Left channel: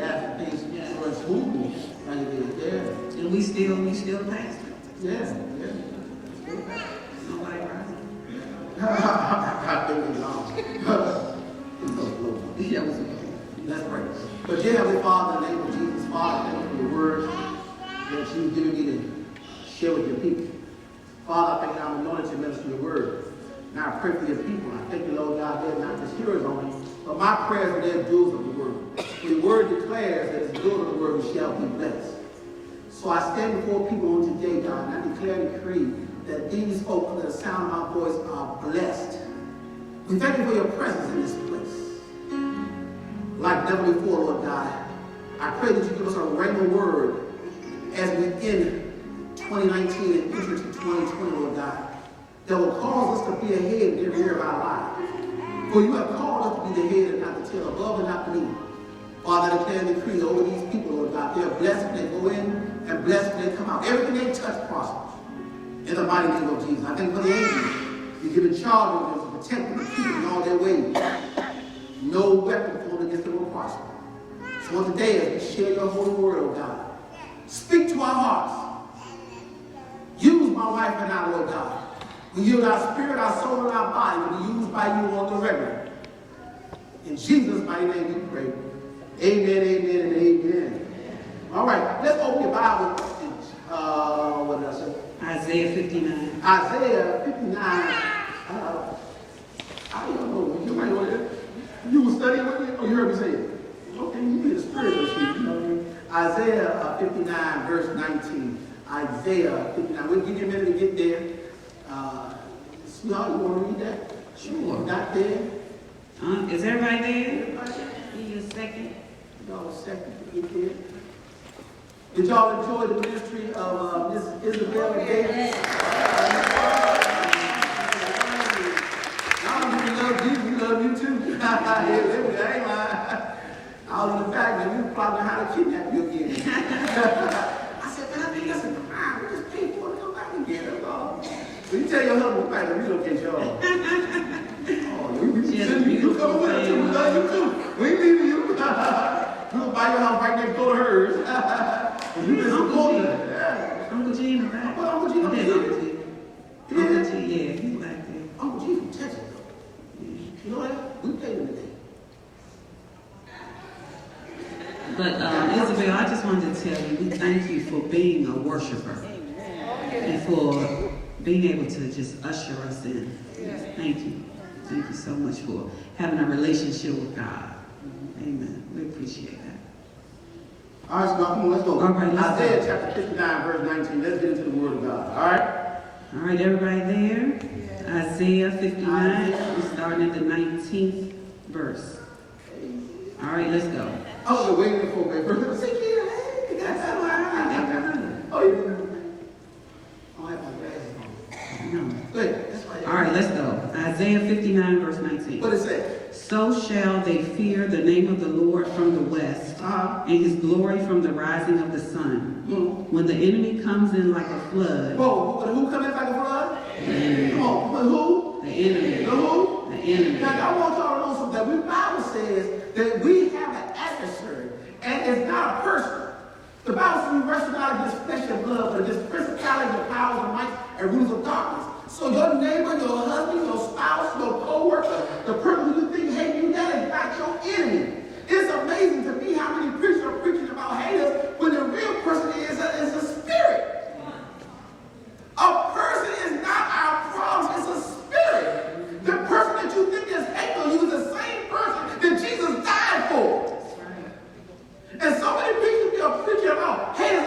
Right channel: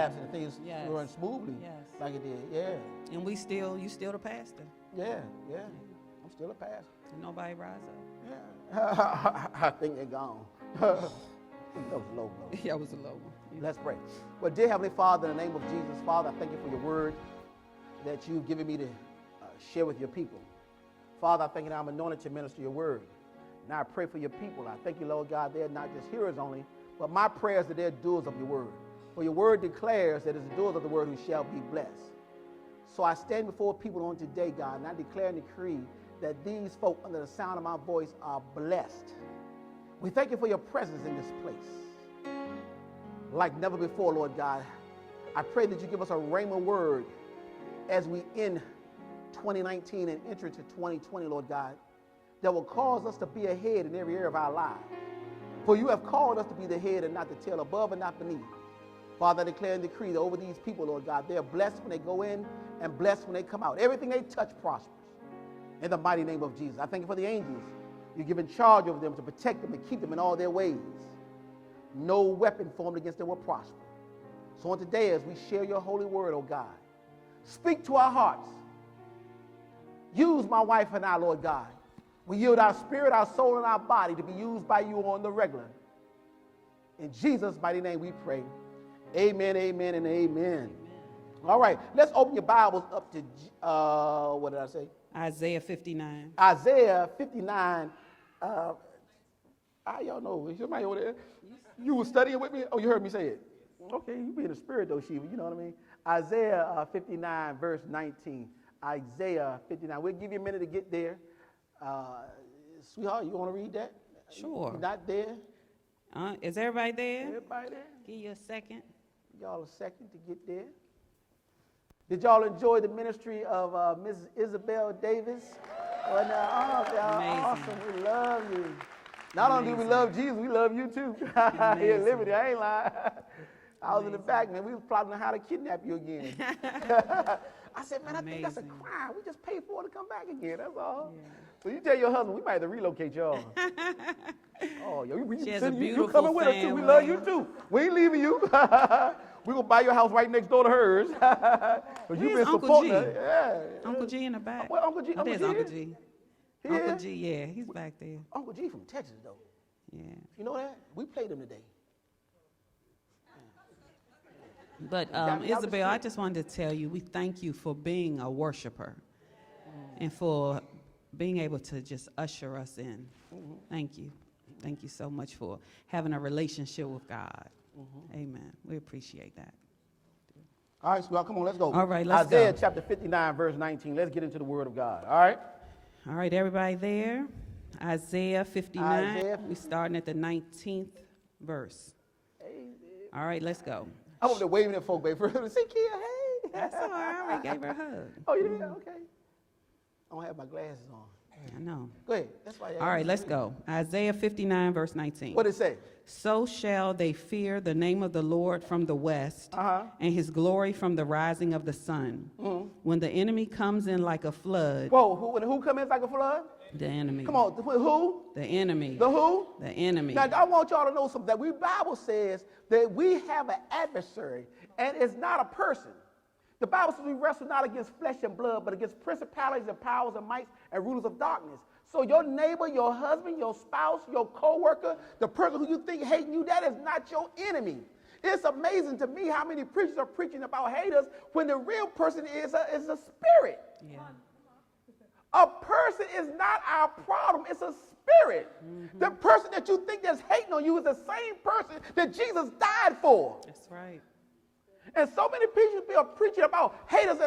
after things were smooth. And we still pass. Yeah. That's right. But dear Heavenly Father, in the name of Jesus, Father, thank you for the word that you've given me to share with your people. Father, thank you, I'm wanting to minister the word. Now I pray for your people. I thank you, Lord God, they're not the spirit on me. But my prayers are the doers of the word. And your word declares that the doers of the word shall be blessed. So I stand before people on today, God, and I declare and decree that these folk under the sound of my voice are blessed. We thank you for your presence in this place. Like never before, Lord God, I pray that you give us a rhema word as we end 2019 and enter into 2020, Lord God, that will cause us to be ahead in every area of our life. For you have called us to be the head and not the tail, above and not beneath. Father, I declare and decree over these people, Lord God, they are blessed when they go in and blessed when they come out. Everything they touch prospers. In the mighty name of Jesus, I thank you for the angels. You give the charge of them to protect the people in all their ways. No weapon formed against them will prosper. So today, as we share your holy word, oh God, speak to our hearts. Use my wife and I, Lord God. We yield our spirit, our soul, and our body to be used by you on the regular. In Jesus' mighty name we pray. Amen, amen, and amen. All right, let's open the Bible. What else? Isaiah 59. Isaiah 59. I don't know. You might know it. You study with it or you heard me say it? Okay, you need the spirit of you know what I mean? Isaiah 59, verse 19. Isaiah 59. We'll give you a minute to get there. Snug, you want to read that? Sure. Not there? Is everybody there? Need a second? No, second. Get there. Did y'all enjoy the ministry of Miss Isabel today? Y'all need to love me, you love me too. That ain't mine. I was in the back when you probably how to kidnap you again. I said, God, we got some crime. We're just paying for it to come back again. You tell your husband back when you look at y'all. You come with us. We love you too. We leave you. We're going to buy your house right next door to hers. You been supporting it. Uncle Jim, right? Uncle Jim. Uncle Jim, yeah. Uncle Jim, Texas. You know what? We paid him today. But Isabel, I just wanted to tell you, we thank you for being a worshiper and for being able to just usher us in. Thank you. Thank you so much for having a relationship with God. Amen. We appreciate that. All right, so let's go. Isaiah chapter 59, verse 19. Let's get into the word of God. All right? All right, everybody there? Isaiah 59, we're starting at the 19th verse. All right, let's go. Oh, wait for it. All right, let's go. Isaiah 59, verse 19. What does it say? So shall they fear the name of the Lord from the west, and his glory from the rising of the sun. When the enemy comes in like a flood. Whoa, but who comes in like a flood? The enemy. Oh, the who? The enemy. The who? The enemy. Now, I want y'all to know something. That the Bible says that we have an adversary, and it's not a person. The Bible says we wrestle not against flesh and blood, but against principalities and powers and might and rulers of darkness. So your neighbor, your husband, your spouse, your co-worker, the person you think hates you, that is not your enemy. It's amazing to me how many preachers are preaching about haters when the real person is a spirit. A person is not our problem, it's a spirit. The person that you think is hating on you is the same person that Jesus died for. And so many preachers are preaching about haters.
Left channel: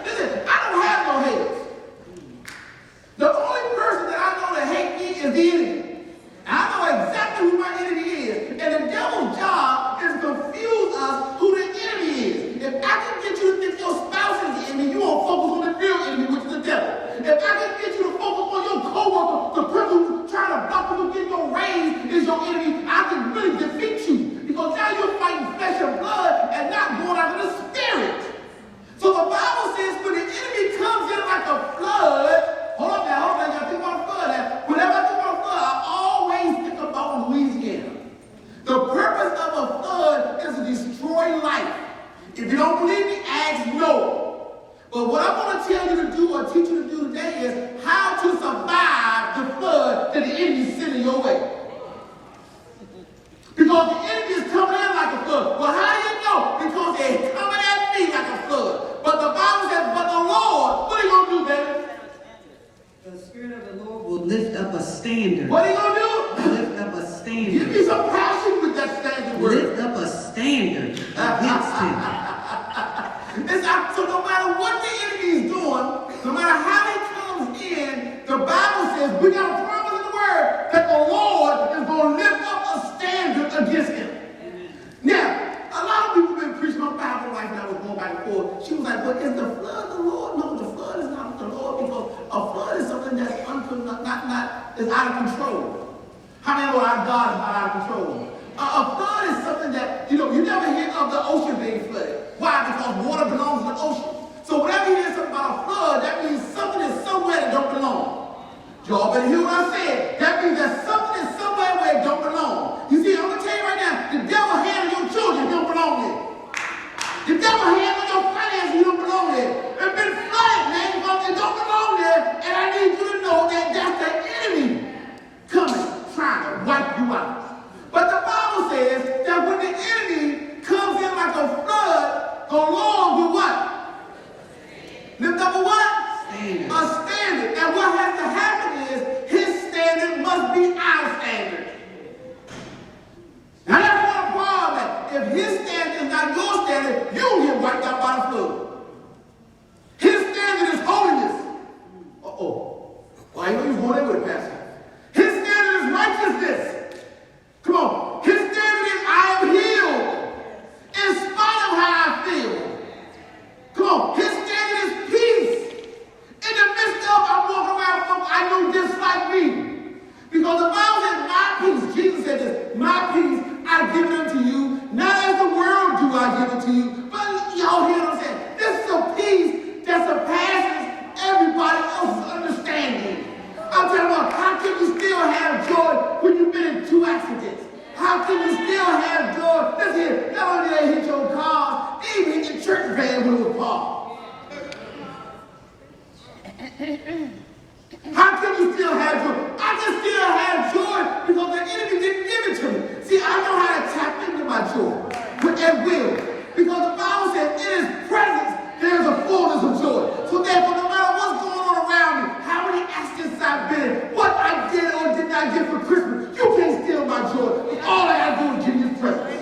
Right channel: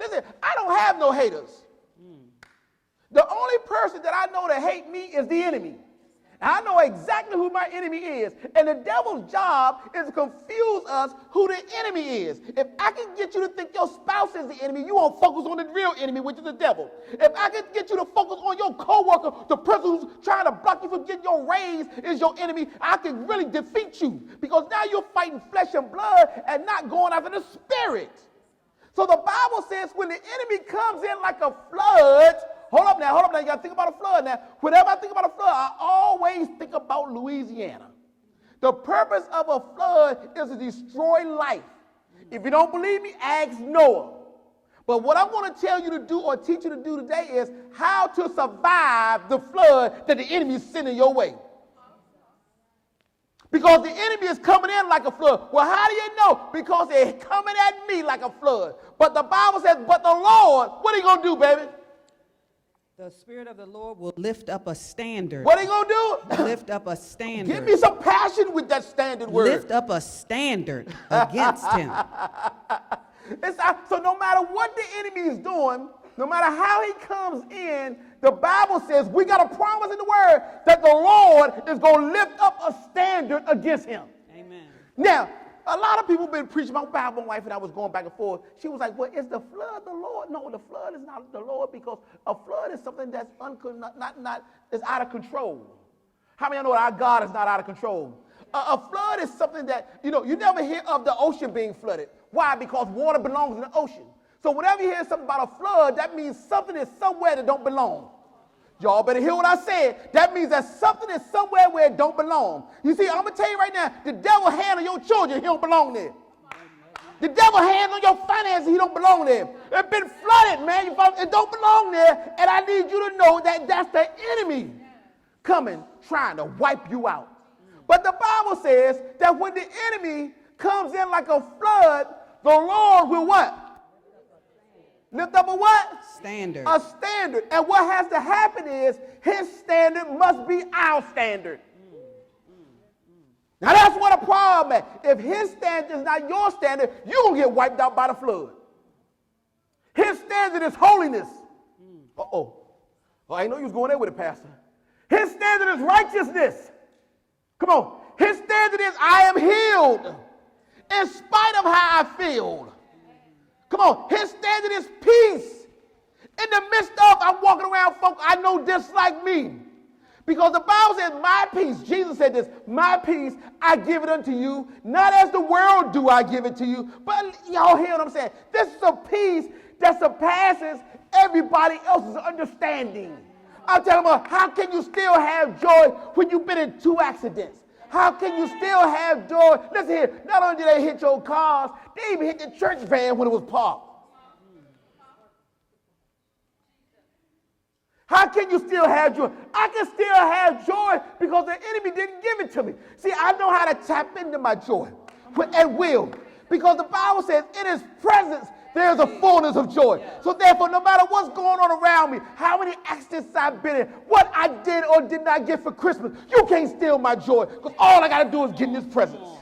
Listen, I don't have no haters. The only person that I know that hates me is the enemy. I know exactly who my enemy is. And the devil's job is to confuse us who the enemy is. If I can get you to think your spouse is the enemy, you won't focus on the real enemy, which is the devil. If I can get you to focus on your co-worker, the person who's trying to block you getting your raise is your enemy, I can really defeat you. Because now you're fighting flesh and blood and not going after the spirit. So the Bible says when the enemy comes in like a flood, hold on now, you gotta think about the flood now. Whenever I think about the flood, what I want to tell you to do or teach you to do today is how to survive the flood that the enemy is sending your way. Because the enemy is coming in like a flood. Well, how do you know? Because they're coming at me like a flood. But the Bible says, but the Lord, what are you going to do, baby? The Spirit of the Lord will lift up a standard. What are you going to do? Lift up a standard. Give me some passion with that standard word. Lift up a standard against him. So no matter what the enemy is doing, no matter how he comes in, the Bible says we got a promise in the word that the Lord is going to lift up a standard against him. Now, a lot of people been preaching my Bible wife and I was going back and forth. She was like, well, is the flood the Lord? No, the flood is not the Lord. Because a flood is something that's is out of control. How many know our God is not out of control? A flood is something that, you never hear of the ocean being flooded. Why? Because water belongs in the ocean. So whenever you hear something about a flood, that means something is somewhere that don't belong. Y'all better hear what I said. That means that something is somewhere where it don't belong. You see, I'm going to tell you right now, the devil hand on your children, he don't belong there. The devil hand on your finances, he don't belong there. They've been flooded, man, because they don't belong there, and I need you to know that that's the enemy coming, trying to wipe you out. But the Bible says that when the enemy comes in like a flood, the Lord will what? Lift up a what? Standard. A standard. And what has to happen is his standard must be our standard. Now that's what a problem is. If his standard is not your standard, you'll get wiped out by the flood. His standard is holiness. Uh-oh. Oh, he's going over the passage. His standard is righteousness. Come on. His standard is I am healed in spite of how I feel. Come on. His standard is peace. In the midst of I'm walking around, folks, I know just like me. Because the Bible says my peace, Jesus said this, my peace I give it unto you. Not as the world do I give it to you. But y'all hear what I'm saying? This is a peace that surpasses everybody else's understanding. I'm talking about how can you still have joy when you've been in 2 accidents? How can you still have joy? Listen here, not only they hit your car, they even hit your church band when it was parked. How can you still have joy? I can still have joy because the enemy didn't give it to me. See, I know how to tap into my joy at will. Because the Bible says in his presence there's a fullness of joy. So therefore, no matter what's going on around me, how many accidents I've been in, what I did or did not get for Christmas, you can't steal my joy. All I gotta do is give you the presence.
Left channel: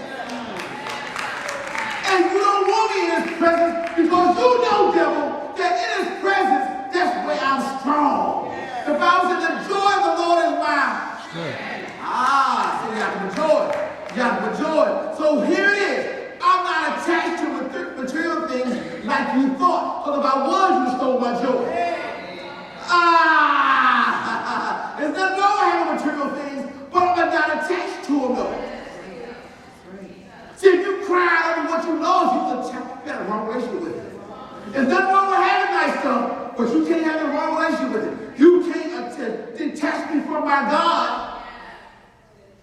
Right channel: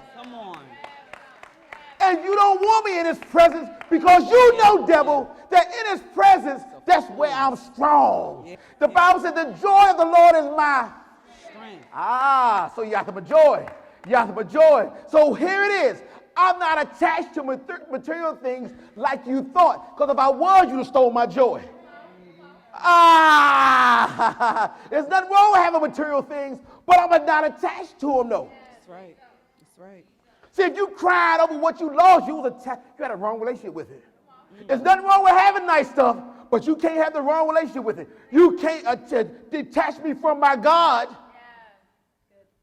And you don't want me in his presence because you know, devil, that in his presence, that's where I'm strong. The Bible says the joy of the Lord is mine. So you got some joy. You got some joy. So here it is. I'm not attached to material things like you thought. Because if I was, you would stole my joy. There's nothing wrong with having material things, but I'm not attached to them though. See, if you cried over what you lost, you got a wrong relationship with it. There's nothing wrong with having nice stuff, but you can't have the wrong relationship with it. You can't detach me from my God.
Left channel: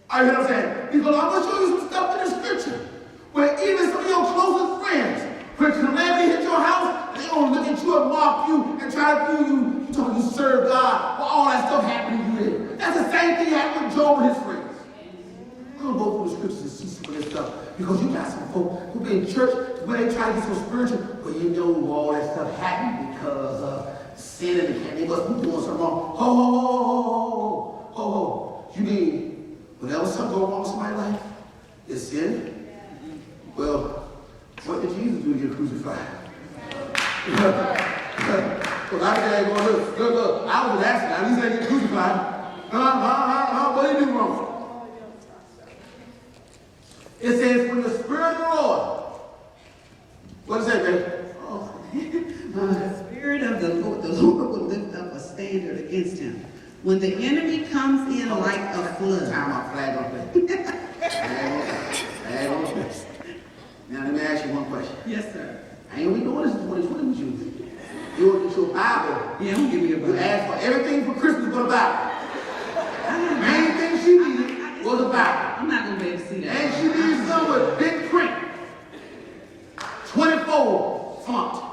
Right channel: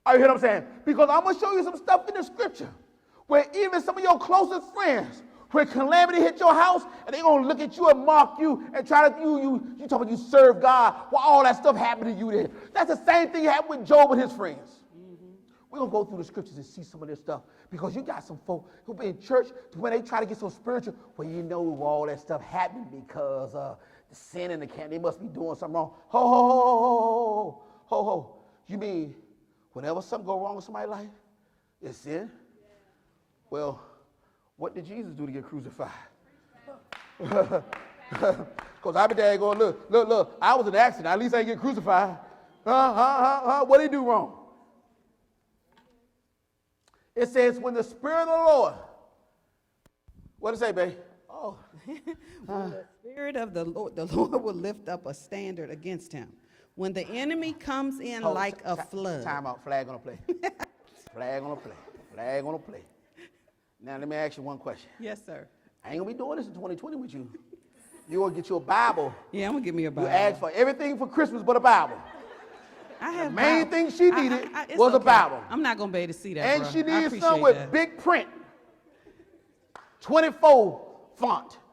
Are you know what I'm saying? Because I'm going to show you some stuff in the scripture. Where even some of your closest friends, when calamity hit your house, they're going to look at you and mock you and try to do you, talking to serve God, while all that stuff happened to you. That's the same thing happened with Job and his friends. We're going to go through the scriptures and see some of this stuff. Because you got some folks who be in church where they try to get so spiritual, but you know all that stuff happened because of sin and they wasn't doing something wrong. You mean whenever something goes wrong in somebody's life, it's sin? Well, what did Jesus do to get crucified? Well, I tell you, look, I was asking, I didn't say you crucified. What did you do wrong? It says, when the Spirit of the Lord, what is that, baby? The Spirit of the Lord will lift up a standard against him. When the enemy comes in like a flood. Now let me ask you one question. Yes, sir. And when you want to use your Bible, Yeah, I'm giving you a you Bible. asked for everything for Christmas but a Bible. Main thing she needed was a Bible. I'm not going to be able to see that. And she needed some with big print. 24 font.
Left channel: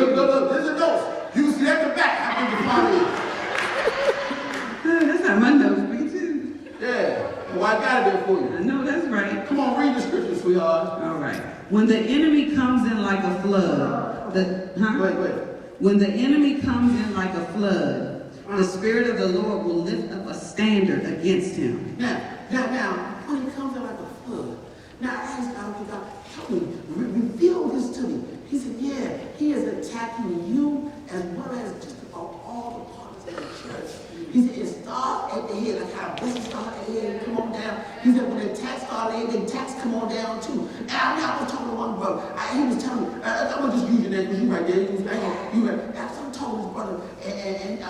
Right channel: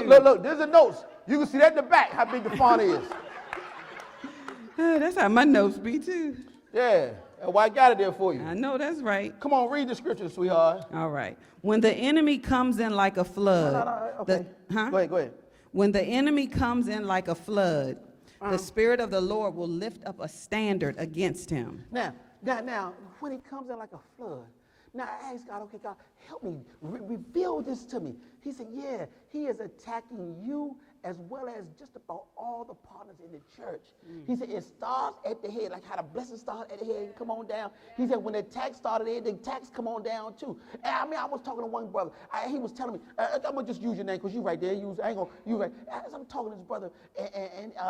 Look, there's a note. You can see at the back how big the font is. That's how my notes be too. Yeah. Well, I got it there for you. I know that's right. Come on, read the scripture, sweetheart. All right. When the enemy comes in like a flood, when the enemy comes in like a flood, the Spirit of the Lord will lift up a standard against him. Now, when he comes out like a flood, now ask God, reveal this to me. He said, yeah, he is attacking you as well as just about all the parts of the church. He said, it starts at the head, like how blessings start at the head and come on down. He said, when the attacks start at the head, the attacks come on down too. Now, I was talking to one brother. He was telling me, I'm going to just use your name because you right there. I'm talking to his brother, and I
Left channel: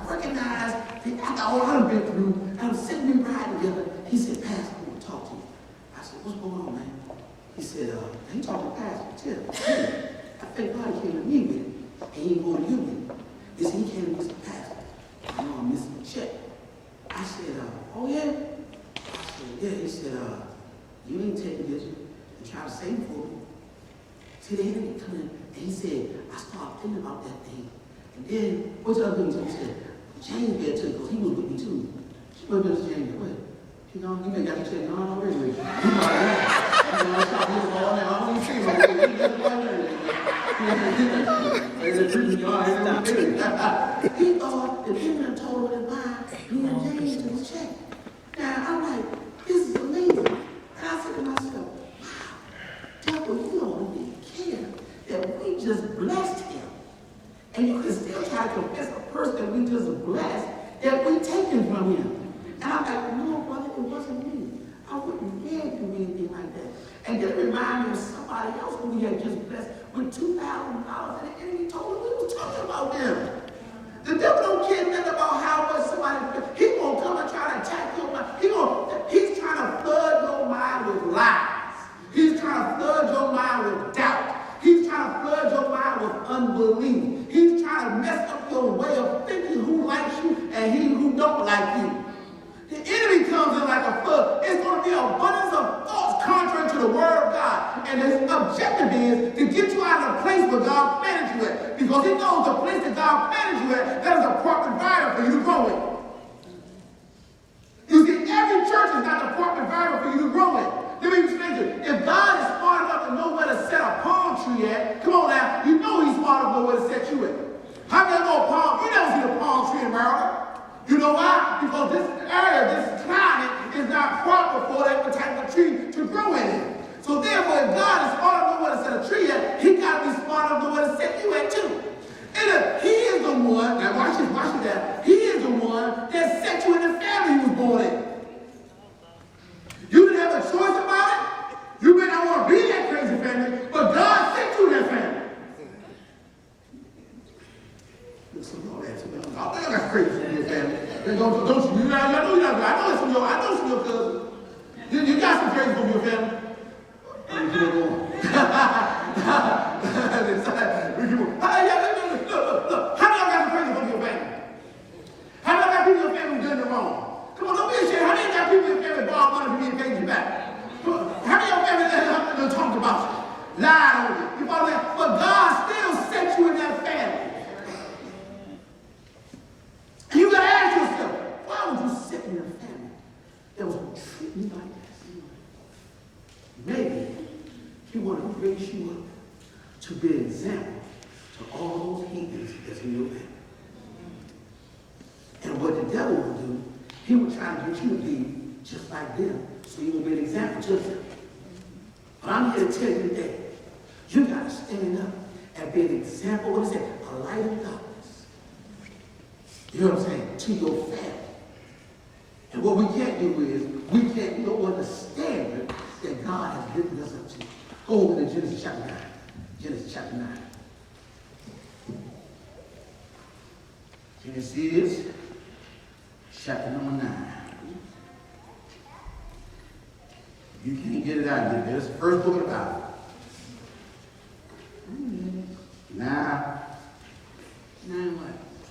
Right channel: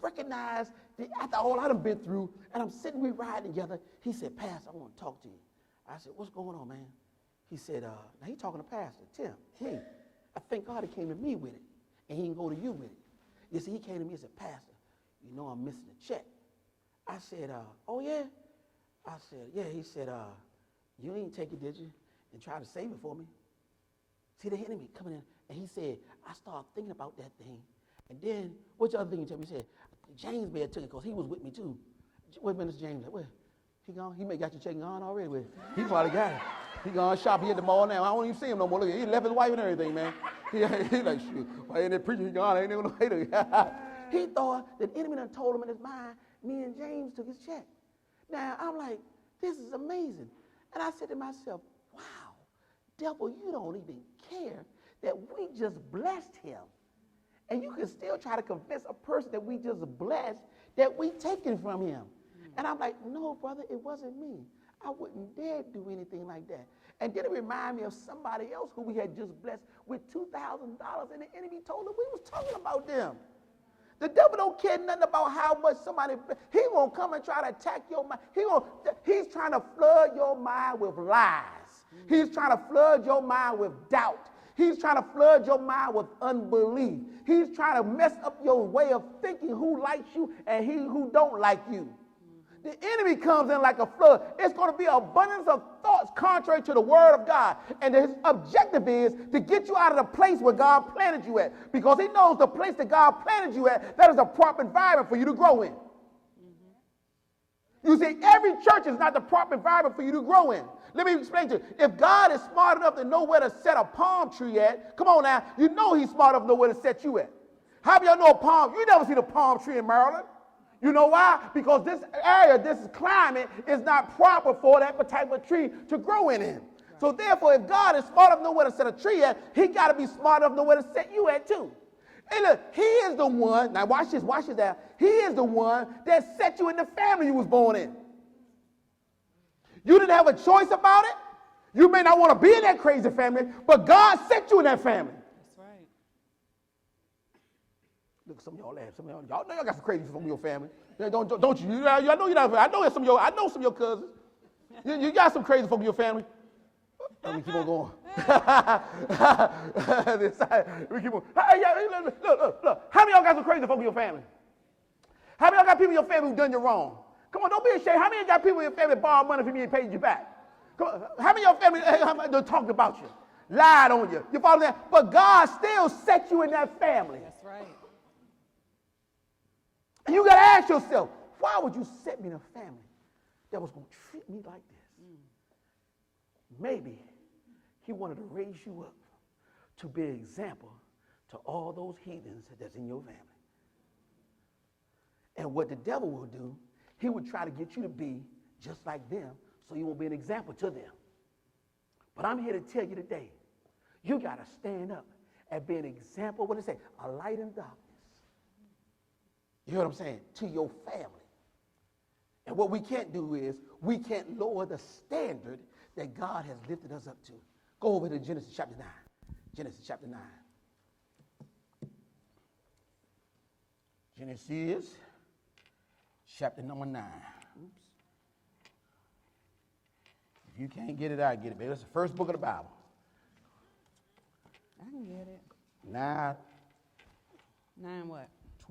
recognized, I already been through, and I'm sitting here riding together. He said, Pastor, I want to talk to you. I said, what's going on, man? He said, he talked to Pastor. I think God came to me with it, and he ain't going to you with it. He said, he came to Mr. Pastor. I'm going to miss a check. I said, oh yeah? I said, yeah. He said, you ain't taking this. You try to save for me. See, the enemy come in, and he said, I started thinking about that thing. And then, what's the other thing he said? Shane had to, because he was with me too. What was Shane doing? You know, he may not be saying, no, I'm ready with you. You know, I'm stop getting ball now. I don't even see no way. That's why you're there. He thought the demon told him why he had changed in his check. Now, I'm like, this is amazing. And I said to myself, wow, devil, you don't even care that we just blessed him. And you can still try to confess the person that we just blessed, that we taken from him. And I'm like, no, brother, it wasn't me. I wouldn't dare do anything like that. And it reminded me of somebody else who we had just blessed with $2,000, and he told me we was talking about them. The devil don't care nothing about how much somebody, he gonna come and try to attack your mind. He's trying to flood your mind with lies. He's trying to flood your mind with doubt. He's trying to flood your mind with unbelief. He's trying to mess up your way of thinking who likes you and he who don't like you. The enemy comes in like a flood. It's going to be an abundance of thoughts contrary to the word of God. And his objective is to get you out of the place where God planted you at. Because he knows the place that God planted you at, that is a proper environment for you to grow in. You see, every church is not the proper environment for you to grow in. Let me explain to you. If God is smart enough to know where to set a palm tree at, come on now, you know he's smart enough to know where to set you at. How many know a palm? You never see a palm tree in Maryland. You know why? Because this area, this climate, is not proper for that particular tree to grow in. So therefore, if God is smart enough to know where to set a tree at, he's got to be smart enough to know where to set you at too. And look, he is the one, now watch that, he is the one that set you in the family you was born in. You didn't have a choice about it. You may not want to be in that crazy family, but God set you in that family. That's crazy family. I know you got some crazy from your family. How many got crazy from your family? How many got people in your family who done you wrong? Come on, don't be ashamed. How many got people in your family borrow money to get paid back? Come on. How many of your family that talked about you? Lied on you. You follow that? But God still set you in that family. And you got to ask yourself, why would you set me in a family that was treating me like this? Maybe he wanted to raise you up to be an example to all those heathens as in your family. And what the devil would do, he would try to get you to be just like them, so you would be an example to them. But I'm here to tell you today, you got to stand up and be an example, what is it? A light of darkness. You know what I'm saying? To your family. And what we can't do is, we can't go under the standard that God has given us to. Go to Genesis chapter 9. Genesis chapter 9. Genesis chapter number 9. You can't get it out of here. It's the first book of the Bible. Now,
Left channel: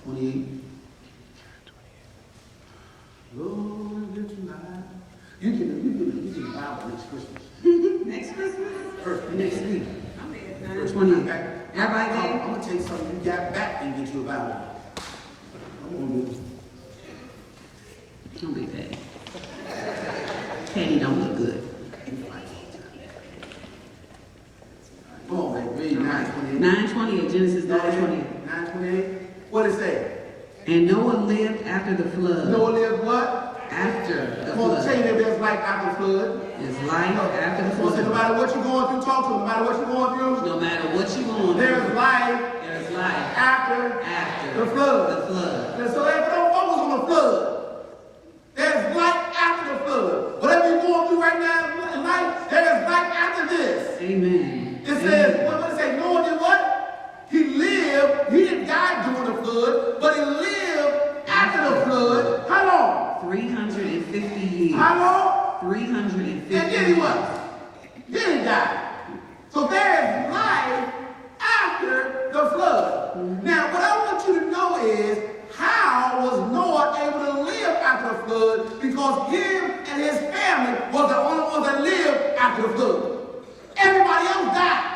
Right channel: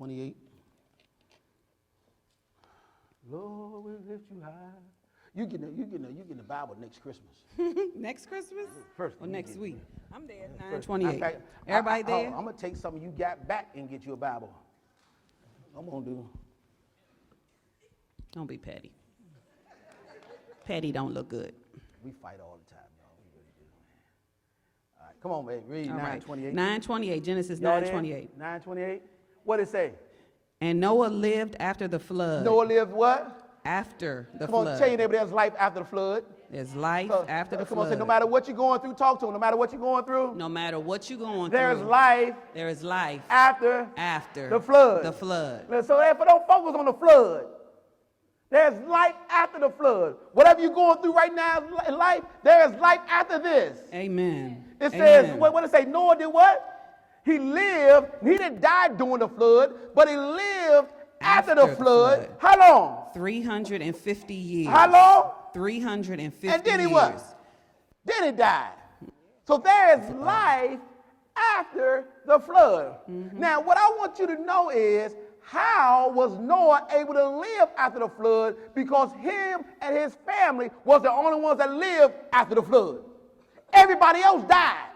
28. You can Bible for this Christmas. Next Christmas? Next week. after the flood. Noah lived what? After the Come on, flood. tell you there's life after the flood. It's life after the No flood. matter what you're going through, talk to them. No matter what you're going through, No matter what you want, there's life there's life after after the flood. the flood. And so don't focus on the flood. There's life after the flood. Whatever you're going through right now in life, there's life after this. Amen. It says, what does it say? Noah did what? He lived. He didn't die during the flood, but he lived after the flood. How long? 350 years. How long? 350 And then he years. what? Then he died. So there's life after the flood. Now, what I want you to know is, how was Noah able to live after the flood? Because him and his family were the only ones that lived after the flood. Everybody else died.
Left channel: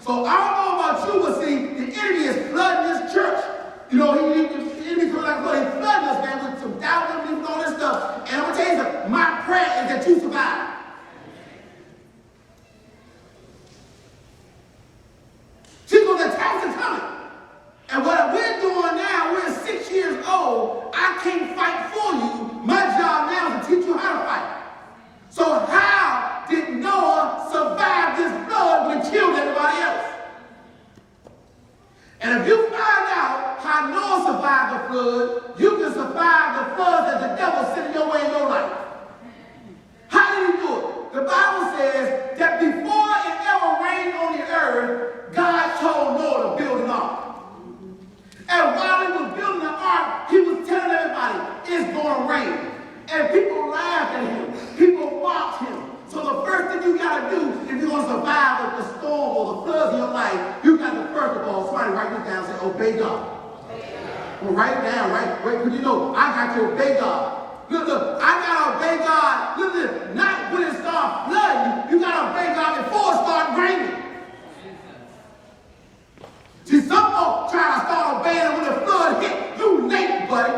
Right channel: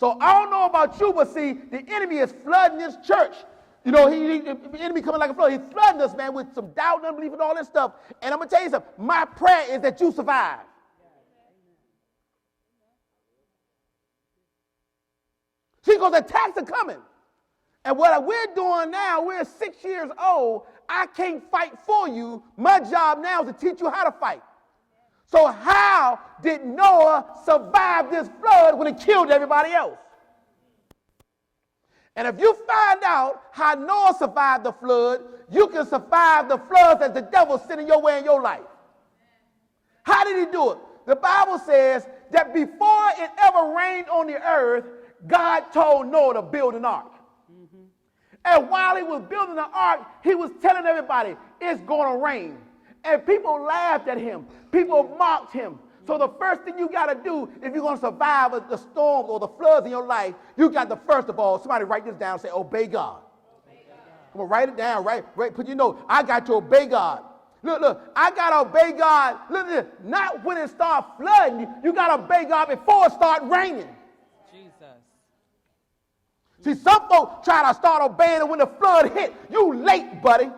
So I don't know about you, but see, the enemy is flooding this church. You know, the enemy coming like a flood. He's flooding us, man, with some doubt and all this stuff. And I'm going to tell you something. My prayer is that you survive. See, because the attacks are coming. And what we're doing now, we're 6 years old. I can't fight for you. My job now is to teach you how to fight. So how did Noah survive this flood when he killed everybody else? And if you find out how Noah survived the flood, you can survive the floods that the devil sent your way in your life. How did he do it? The Bible says that before it ever rained on the earth, God told Noah to build an ark. And while he was building the ark, he was telling everybody, it's going to rain. And people laughed at him. People mocked him. So the first thing you got to do, if you're going to survive with the storm or the floods in your life, you got to first of all, somebody write this down and say, obey God. Well, write it down, right? You know, I got to obey God. Look, I got to obey God. Listen, not when it starts flooding. You got to obey God before it starts raining. See, some folks try to start obeying when the flood hit. You late, buddy,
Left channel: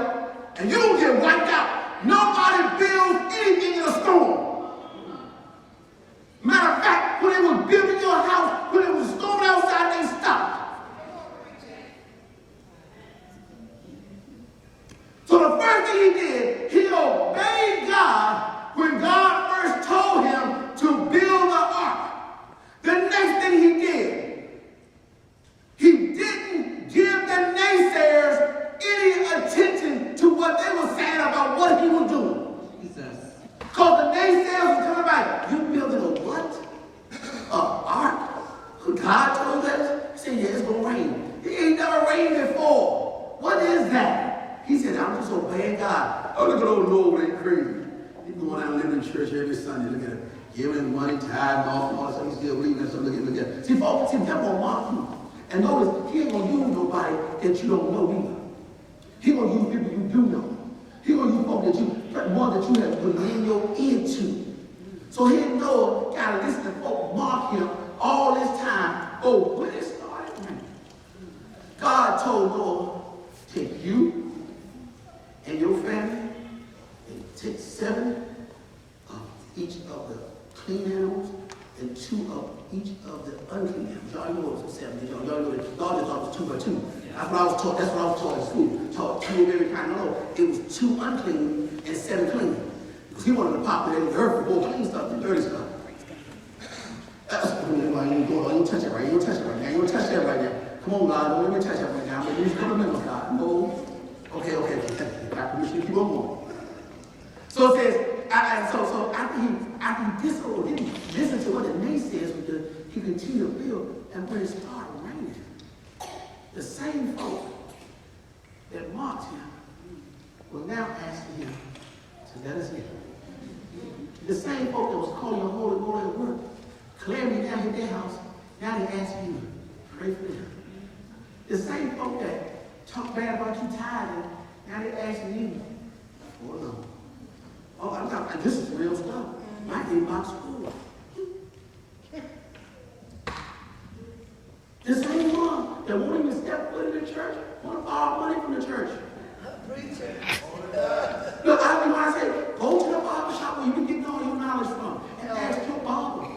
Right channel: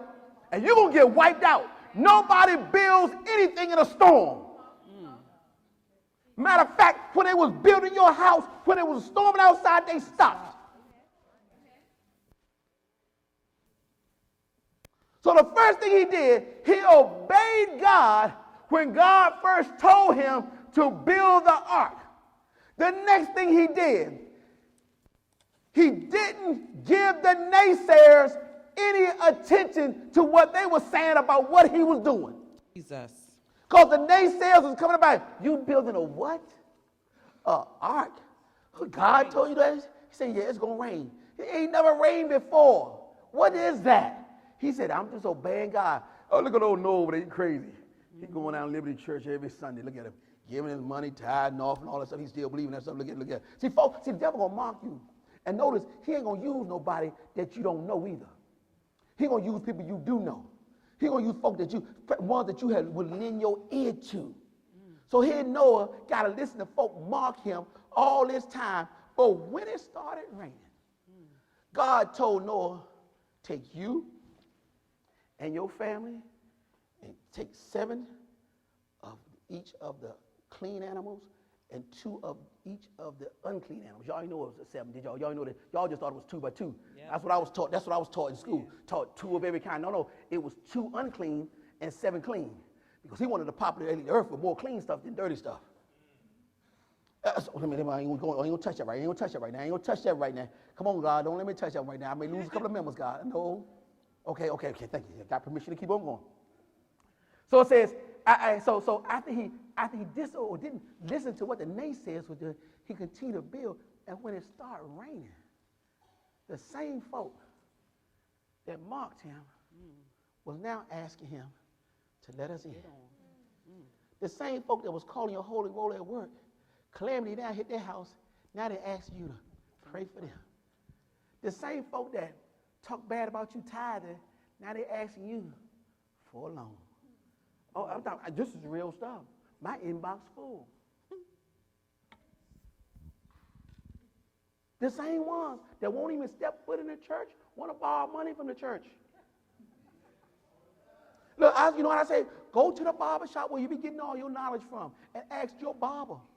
and you'll get wiped out. Nobody builds anything in a storm. Matter of fact, when they was building your house, when it was storming outside, they stopped. So the first thing he did, he obeyed God when God first told him to build the ark. The next thing he did, he didn't give the naysayers any attention to what they were saying about what he was doing. Because the naysayers was coming like, you building a what? Ark? God told you that? Say, yeah, it's going to rain. It ain't never rained before. What is that? He said, I'm just obeying God. Oh, you don't know what ain't crazy. You going out and living in church every Sunday, look at it. Giving money, tithe, all that stuff. He's still reading that stuff. Look at it. See, folks, see, that won't mock you. And notice, he ain't going to use nobody that you don't know either. He going to use people you do know. He going to use folks that you, but one that you have to lean your into. So he didn't know, got to listen to folks mock him all this time. Oh, when it started raining, God told Noah, take you and your family and take 7 of each of the clean animals and 2 of each of the unclean animals. Y'all know it was 7. You know, y'all know it was 2 by 2. That's what I was told. That's what I was taught in school. Taught 2 every kind of know. It was 2 unclean and 7 clean. Because he wanted to pop it in the earth for both clean stuff and dirty stuff. That's what you don't touch it right. You don't touch it right now. You don't touch that right now. Come on, God. Don't let me touch that right now. You just come remember, God. No. Okay. Back to the street program. So it says, so after he disobeyed, this is what the naysayers would do. He continued to build, and when it started raining, the same folk that mocked him were now asking him to let us in. The same folk that was calling him holy, holy word, clearing down in their house, now they ask you to pray for them. The same folk that talk bad about you tithing, now they ask you for them. Oh, and this is real stuff. I did my school. The same one that wanted to step foot in the church, want to borrow money from the church. Look, I don't know how to say, go to the Bible shop where you can get all your knowledge from and ask your Bible.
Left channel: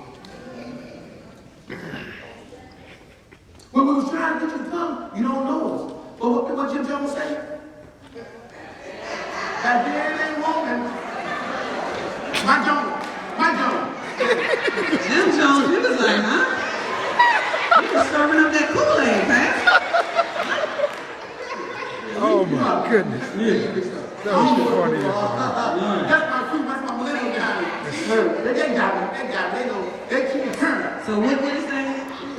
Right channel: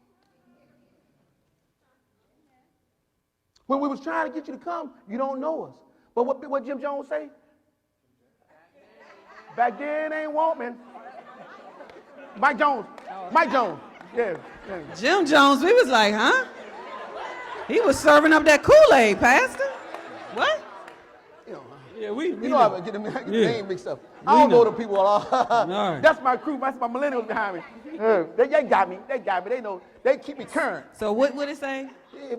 When we was trying to get you to come, you don't know us. But what you don't say? serving up that Kool-Aid, Pastor. Oh my goodness. I don't go to football. That's my millennial guy. They got me. They keep me turned. So what did they say?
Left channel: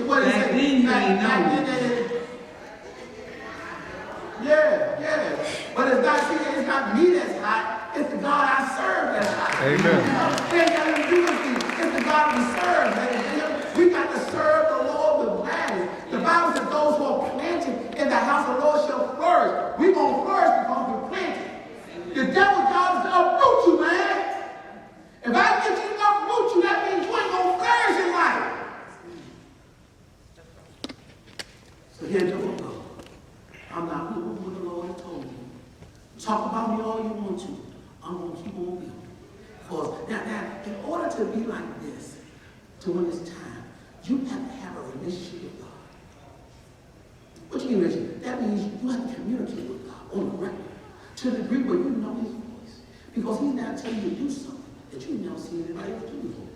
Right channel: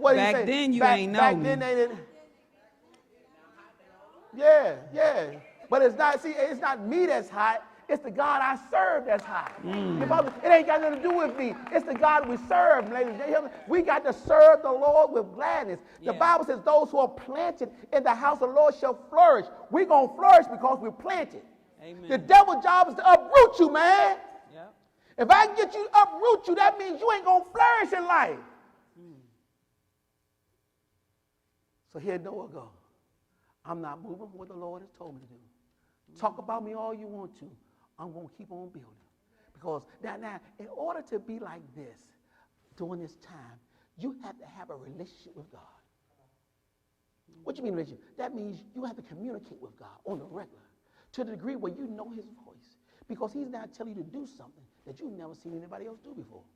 Back then you didn't know. Yeah. But it's not me that's hot. It's the God I serve that's hot. Amen. It ain't nothing to do with me. It's the God we serve. We got to serve the Lord with gladness. The Bible says those who are planted in the house of the Lord shall flourish. We're going to flourish because we're planted. The devil's job is to uproot you, man. If I get you to uproot you, that means you ain't going to flourish in life. So here's the goal. I'm not doing what the Lord told me. Talk about me all you want to. I'm going to keep on building. Because now, in order to be like this, during this time, you have to have a relationship with God. What do you mean relationship? That means you have to communicate with God on the record. To the degree where you know his voice. Because he's not telling you to do something that you've never seen anybody else do before.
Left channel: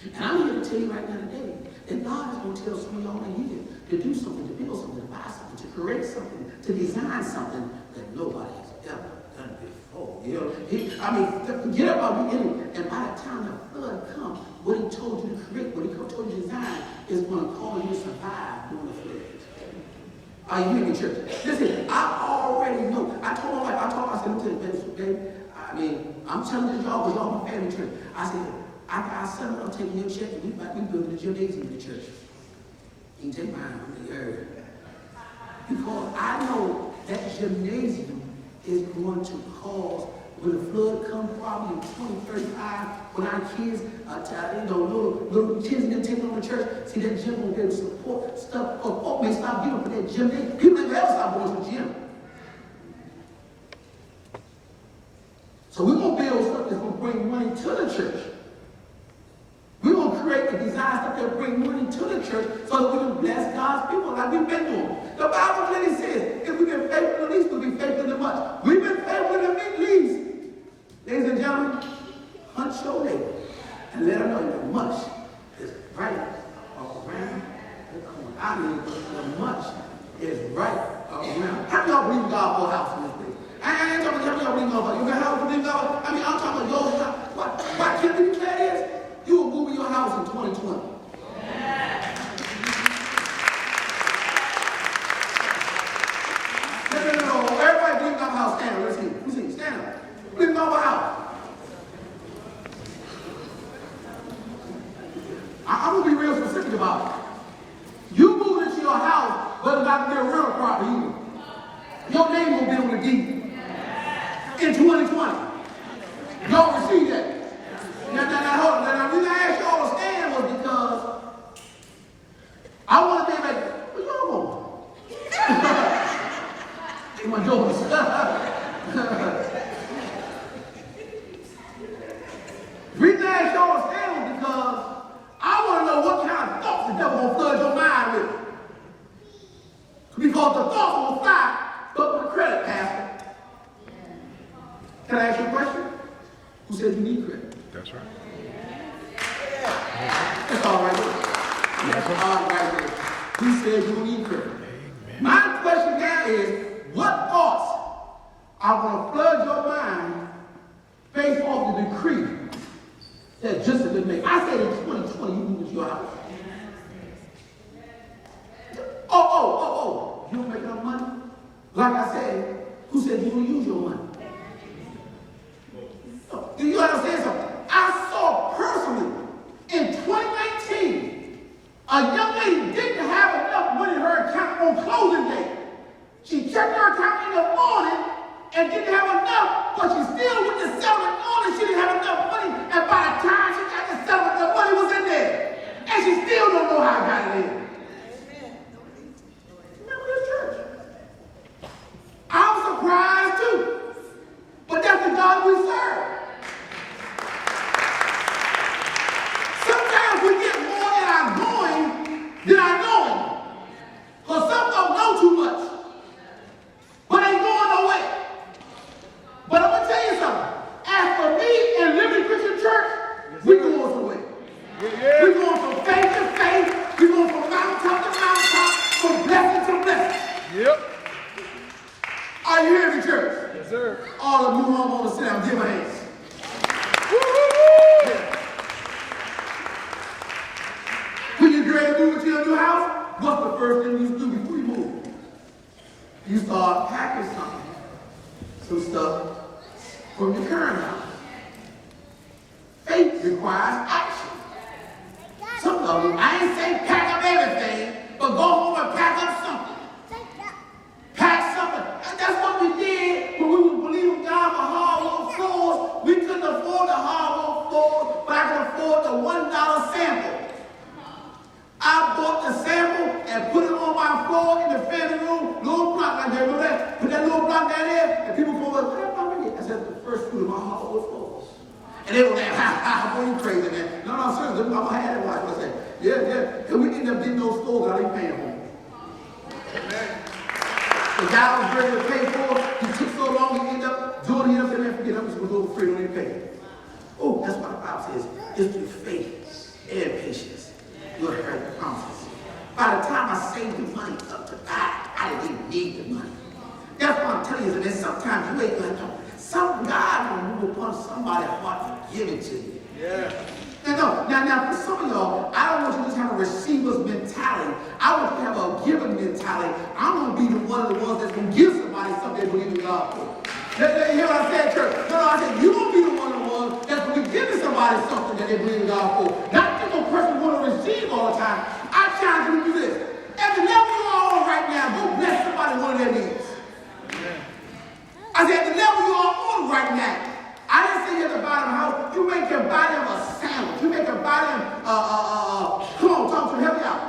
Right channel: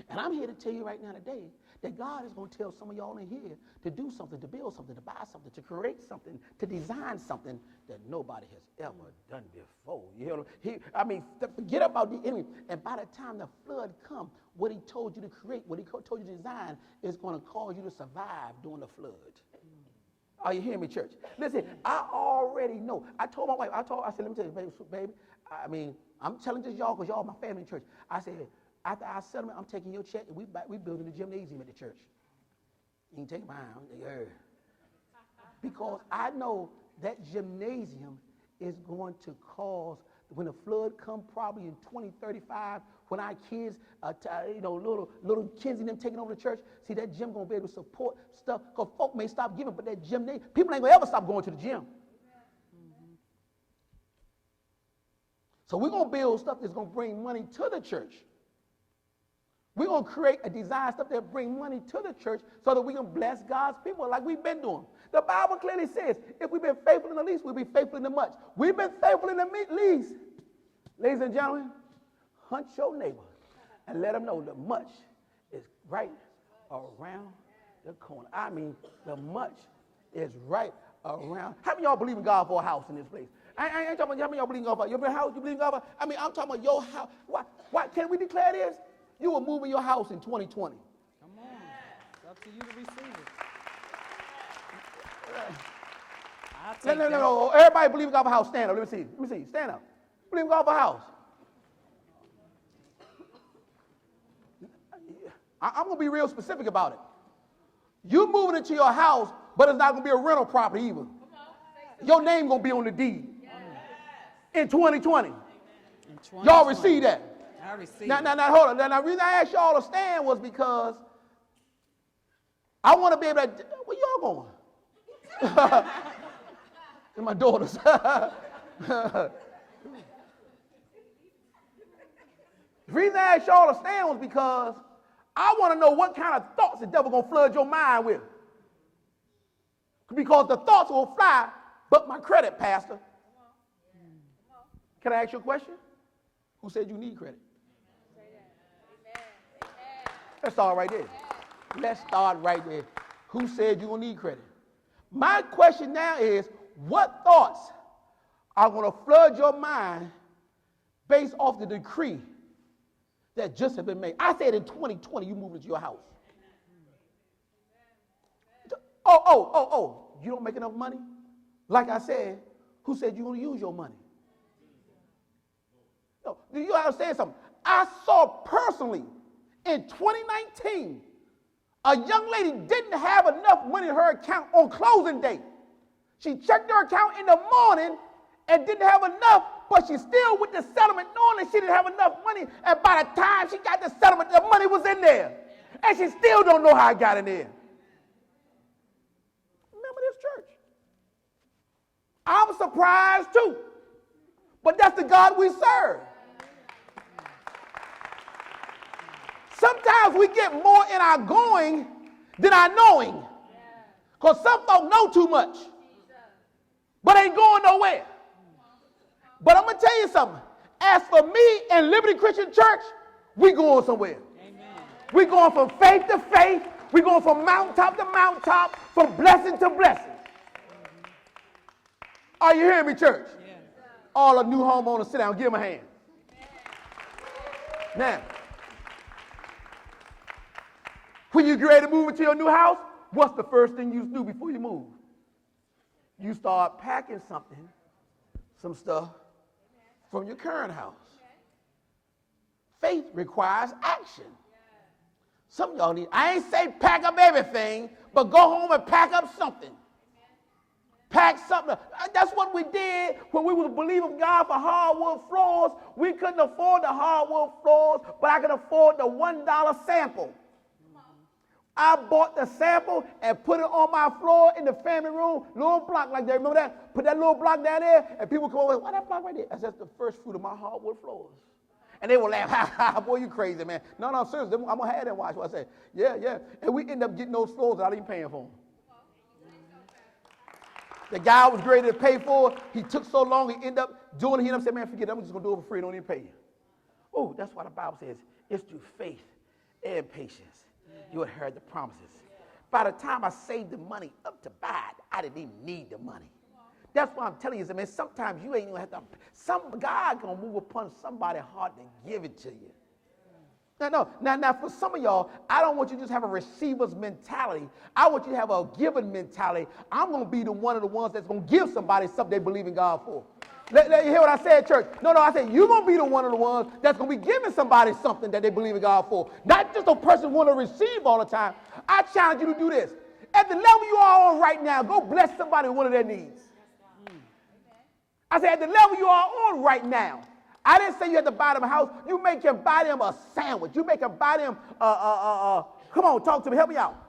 And I'm here to tell you right now today that God is going to tell some of y'all in here to do something, to build something, to buy something, to create something, to design something that nobody has ever done before. You know, forget about the enemy. And by the time the flood comes, what he told you to create, what he told you to design, is going to call you to survive during the flood. Are you hearing me, church? Listen, I already know. I told my wife, I said, baby, I'm telling this y'all, because y'all my family church. I said, I said, I'm going to take your check, and we go to the gymnasium in the church. He take mine from the area. Because I know that gymnasium is going to cause, when the flood comes probably in 2035, when our kids, little kids didn't take on the church, see that gym will be able to support stuff. Oh, may stop giving for that gym. People ain't ever stop going to the gym. So we're going to build something that's going to bring money to the church. We're going to create the design stuff that bring money to the church so that we can bless God's people like we've been doing. The Bible really says, if we've been faithful in the least, we'll be faithful in the much. We've been faithful in the least. Ladies and gentlemen, punch your leg and let them know that much is right around the corner. I mean, the much is right around. I don't believe God for a house in this place. I ain't talking about believe God for you. Have a believe God. I'm talking about those. Why can you say this? You will move your house in 2020. No. Everybody believe God for a house. Stand up. Let me see. Stand up. Believe God for a house. I'm going to be real specific about it. You moved into your house, but it's not going to be a rental property either. Your name won't be on the deed in 2020. Y'all receive that. Now, hold on. Now, the reason I asked y'all to stand was because I want to be like, what y'all want? My daughters. The reason I asked y'all to stand was because I want to know what kind of thoughts the devil will flood your mind with. Because the thoughts will fly, but the credit pastor. Can I ask you a question? Who said you need credit? That's right. That's all right. That's all right. Who said you need credit? My question now is, what thoughts are going to flood your mind based off of the decree that just been made? I said in 2020 you moved your house. Oh. You don't make enough money? Like I said, who said you don't use your money? Do you understand something? I saw personally in 2019 a young lady didn't have enough money in her account on closing day. She checked her account in the morning and didn't have enough, but she still went to settlement on it. She didn't have enough money, and by the time she got to settlement, the money was in there. And she still don't know how I got it in. I'm surprised too. But that's the God we serve. Sometimes we get more in our going than our knowing. Because some don't know too much. But ain't going nowhere. But I'm going to tell you something. As for me and Liberty Christian Church, we're going somewhere. We're going from faith to faith. We're going from mountain Yep. Are you hearing me, church? Yes, sir. All the new homeowners sit down, give them hands. Yeah. When you get ready to move into your new house, what's the first thing you do before you move? You start packing some stuff from your current house. Faith requires action. Some of them, I ain't saying pack up everything, but go home and pack up something. Pack something. That's what we did when we were believing God for hardwood floors. We couldn't afford the hardwood floors, but I could afford the $1 sample. I bought the sample and put it on my floor in the family room, little block like that. Put that little block down there, and people go, what about me? I said, the first two of my hardwood floors. And they were like, what are you crazy, man? No, seriously, I had that like I said. Yeah, we ended up getting those floors out of the family room. The guy was ready to pay for it. He took so long, he ended up doing it and ended up with some little free when he paid. Oh, that's what the Bible says. It's through faith and patience. You'll inherit the promises. By the time I saved the money up to buy, I didn't even need the money. That's what I'm telling you, man. Sometimes you ain't gonna know. Some God will move upon somebody's heart to give it to you. Yeah. Now, for some of y'all, I don't want you to have a receiver's mentality. I want you to have a giving mentality. I'm going to be one of the ones that's going to give somebody something they believe in God for. Let me hear what I said, church. No, I said, you're going to be one of the ones that's going to be giving somebody something that they believe in God for. Not just a person want to receive all the time. I'm trying to do this. And the level you are on right now, go bless somebody one of their needs. I said, the level you are on right now. I didn't say you had to buy them a house. You make them buy them a sandwich. You make them buy them, come on, talk to me, help me out.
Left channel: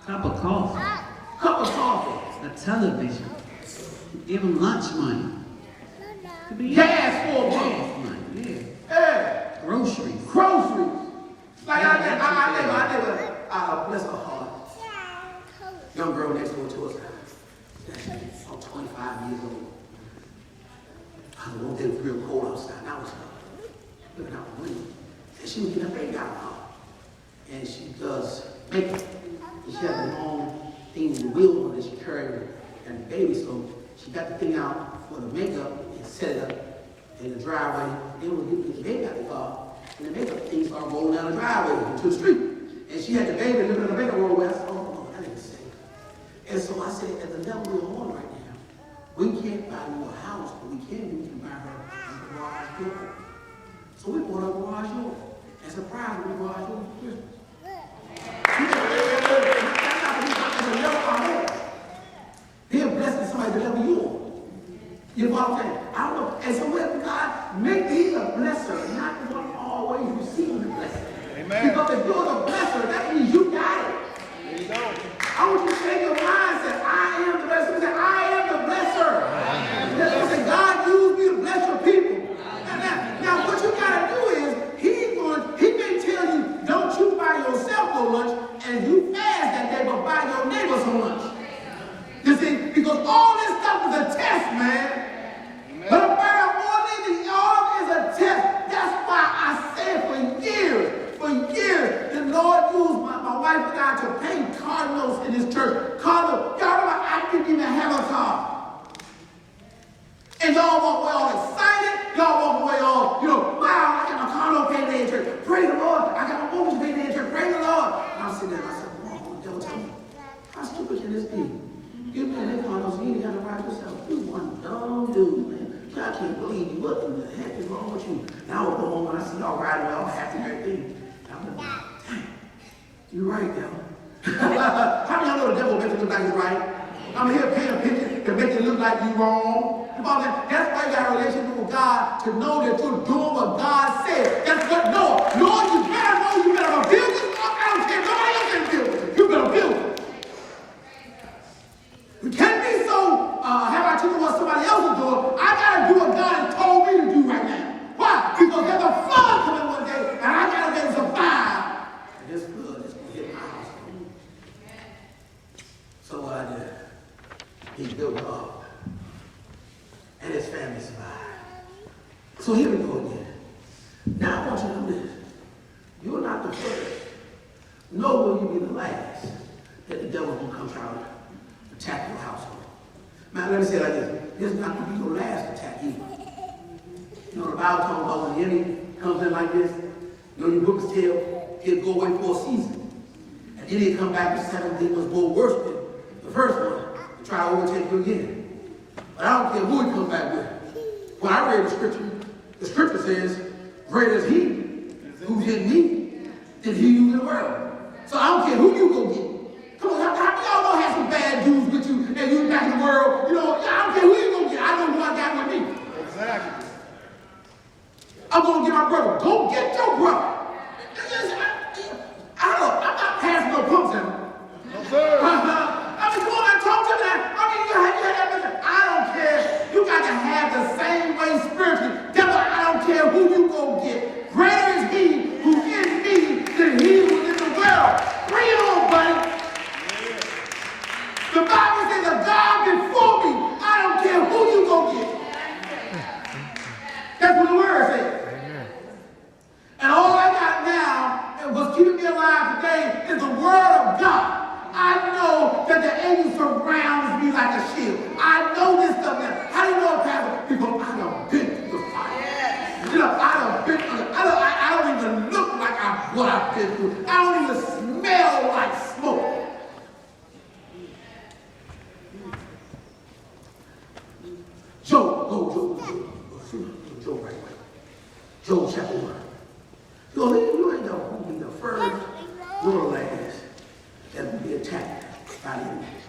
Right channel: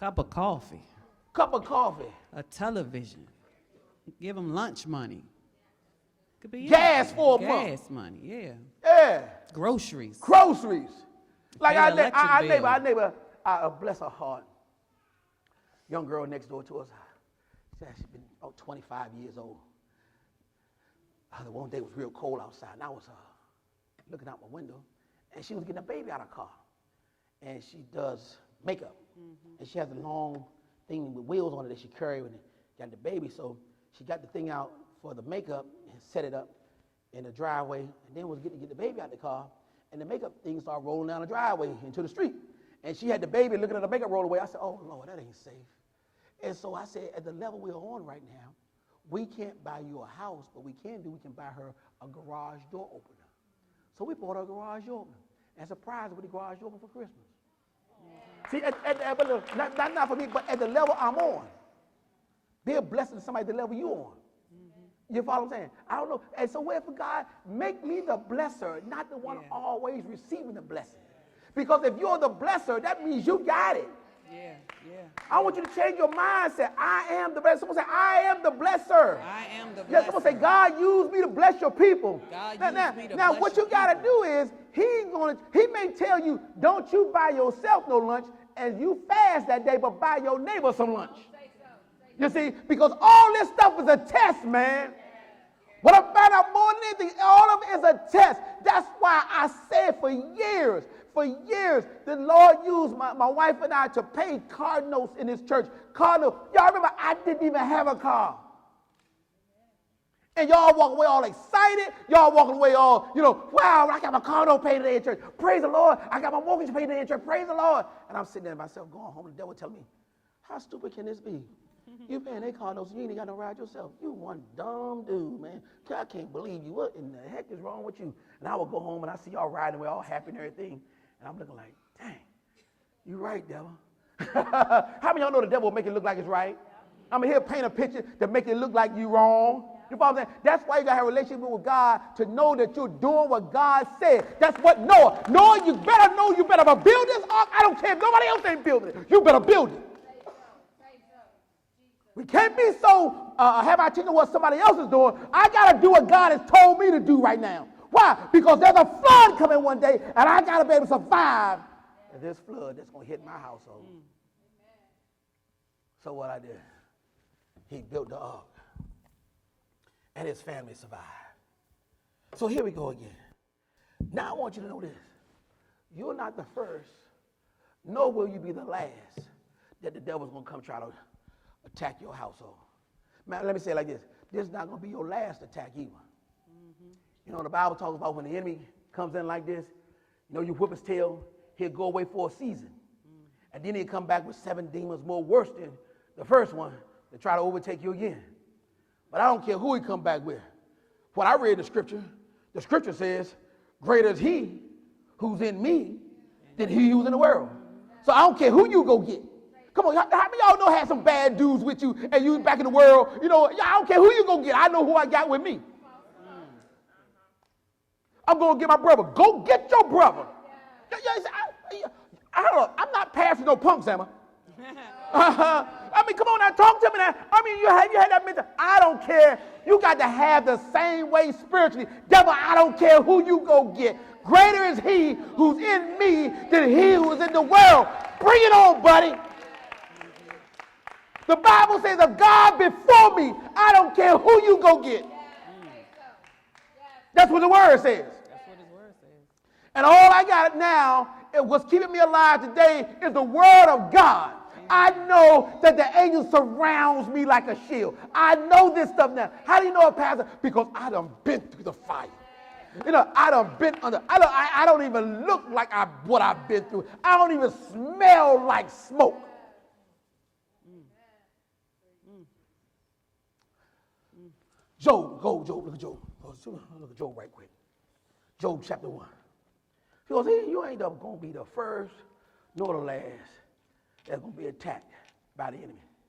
Cup of coffee. Cup of coffee. A television. Give them lunch money. Gas for a month. Yeah. Groceries. Groceries. Like I did bless her heart. Young girl next door to us. She's 25 years old. I know it was real cold outside. I was looking out the window. And she was in the makeup. And she does makeup. She has a long thing in the wheel that she carried and the baby. So she got the thing out for the makeup and set it up in the driveway. Then when the makeup car, and the makeup thing started rolling down the driveway to the street. And she had the baby in the makeup over there. Oh, I didn't say. And so I said, at the level we're on right now, we can't buy you a house, but we can buy her a garage door. So we bought a garage door. As a prize, we bought a garage door. That's not the level I'm on. Then blessing somebody the level you on. You know what I'm saying? I don't know. And so when God make thee a blesser, not going to always receive a blessing. Amen. Because if you're a blesser, that means you got it. There you go. I want you to change your mindset. I am the blesser. I am the blesser. Say, God used me to bless your people. Now what you got to do is, he may tell you, don't you buy yourself no lunch, and you fast that day, but buy your neighbor some lunch. You see, because all this stuff is a test, man. What about more than the arm is a test. That's why I said for years, the Lord used my wife and I to paint cardinals in his church. Cardinals. Y'all remember I didn't even have a car. And y'all walk away all excited. Y'all walk away all, wow, I got my cardinal painted in church. Praise the Lord. I got my own painted in church. Praise the Lord. I'm sitting there, I said, oh, that was me. How stupid can this be? You man, they cardinals, you got to write yourself. You one dumb dude, man. God can't believe you. What the heck is wrong with you? And I would go home and I start riding all happy and everything. You're right now. How many know the devil makes it look like he's right? I'm here paying a picture to make it look like you're wrong. That's why you have a relationship with God, to know that you're doing what God said. That's what Noah. Noah, you better build this ark. I don't care nobody else can build it. You better build it. You can't be so have I do what somebody else is doing. I gotta do what God has told me to do right now. Why? Because there's a flood coming one day, and I gotta be able to survive. This flood is gonna get my house. So what I did, he built an ark, and his family survived. So here we go again. Now I want you to do this. You're not the first, nor will you be the last that the devil will come out and attack your household. me say it like this. It is not evil last to attack evil. You know, the Bible talks about when the enemy comes in like this, you know, you book his tail, he'll go away for a season. And then he'll come back the second day was more worse than the first one. Try to overtake you again. But I don't care who he comes back with. When I read the scripture says, greater is he who's in me than he who's in the world. So I don't care who you go get. Come on, y'all gonna have some bad dudes with you and you back in the world. You know, I don't care who you gonna get. I know who I got with me. Exactly. I'm gonna get my brother. Go get your brother. I'm not passing no punks at him. No, sir. I mean, come on, now talk to me now. I don't care. You got to have the same way spiritually. Devil, I don't care who you go get. Greater is he who's in me than he who's in the world. Bring it on, buddy. The Bible says a God before me. I don't care who you go get. That's what the word says. And all I got now, and what's keeping me alive today, is the word of God. I know that the angel surrounds me like a shield. I know this stuff now. How do you know, Pastor? Because I done been through the fire. Yes. You know, I done been through the, I don't even look like what I've been through. I don't even smell like smoke. Job chapter 1. So you know, the first, nor the last, that will be attacked by enemies.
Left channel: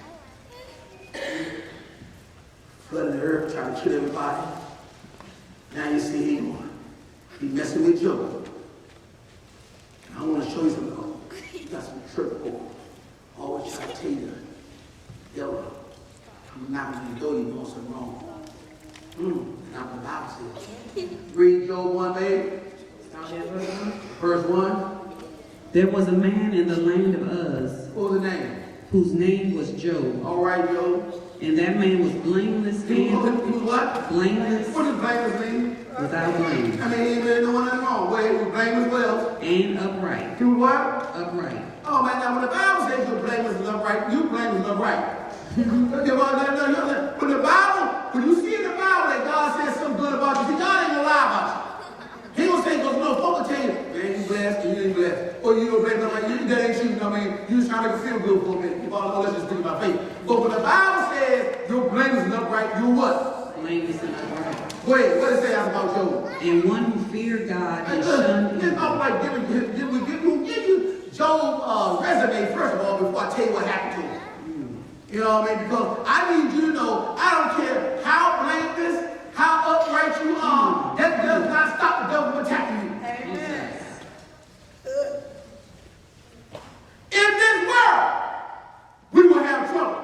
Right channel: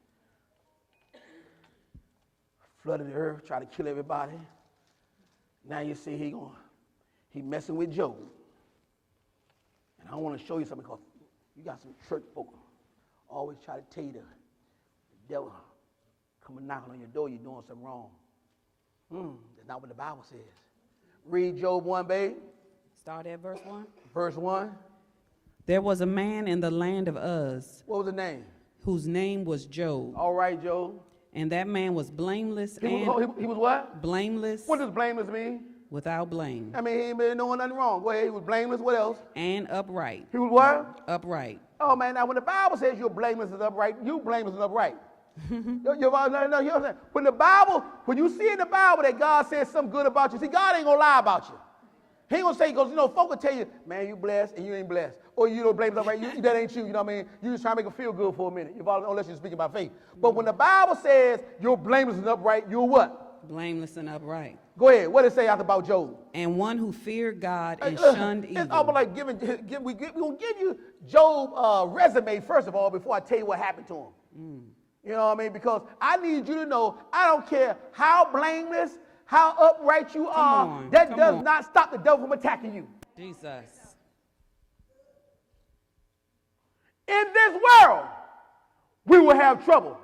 Flooding the earth, trying to kill everybody. Now you see him, he messing with Job. I want to show you something. You got some church over. Always try to tell you, devil, I'm not going to go, you want some wrong. Now the Bible says, read Job 1 day, verse 1. There was a man in the land of Uz. What was his name? Whose name was Job. All right, Job. And that man was blameless and what? Blameless. What does blameless mean? Without blame. I mean, he didn't do nothing wrong. Wait, he was blameless what else? And upright. Do what? Upright. Oh man, now when the Bible says you blameless and upright, you blameless and upright. But the Bible, when you see in the Bible that God says something good about you, God ain't gonna lie about you. He gonna say, no, folks tell you, man, you blessed, you ain't blessed. Or you blessed, like, that ain't you, you know what I mean? You just trying to make feel good for me. Father, let's just do my faith. But when the Bible says you're blameless and upright, you're what? Blameless and upright. Go ahead, what does it say out about Job? And one who feared God and shunned evil. We're going to give you Job's resume first of all before I tell you what happened to him. You know what I mean? Because I need you to know, I don't care how blameless, how upright you are, that does not stop the devil from attacking you. Amen. In this world, we will have trouble.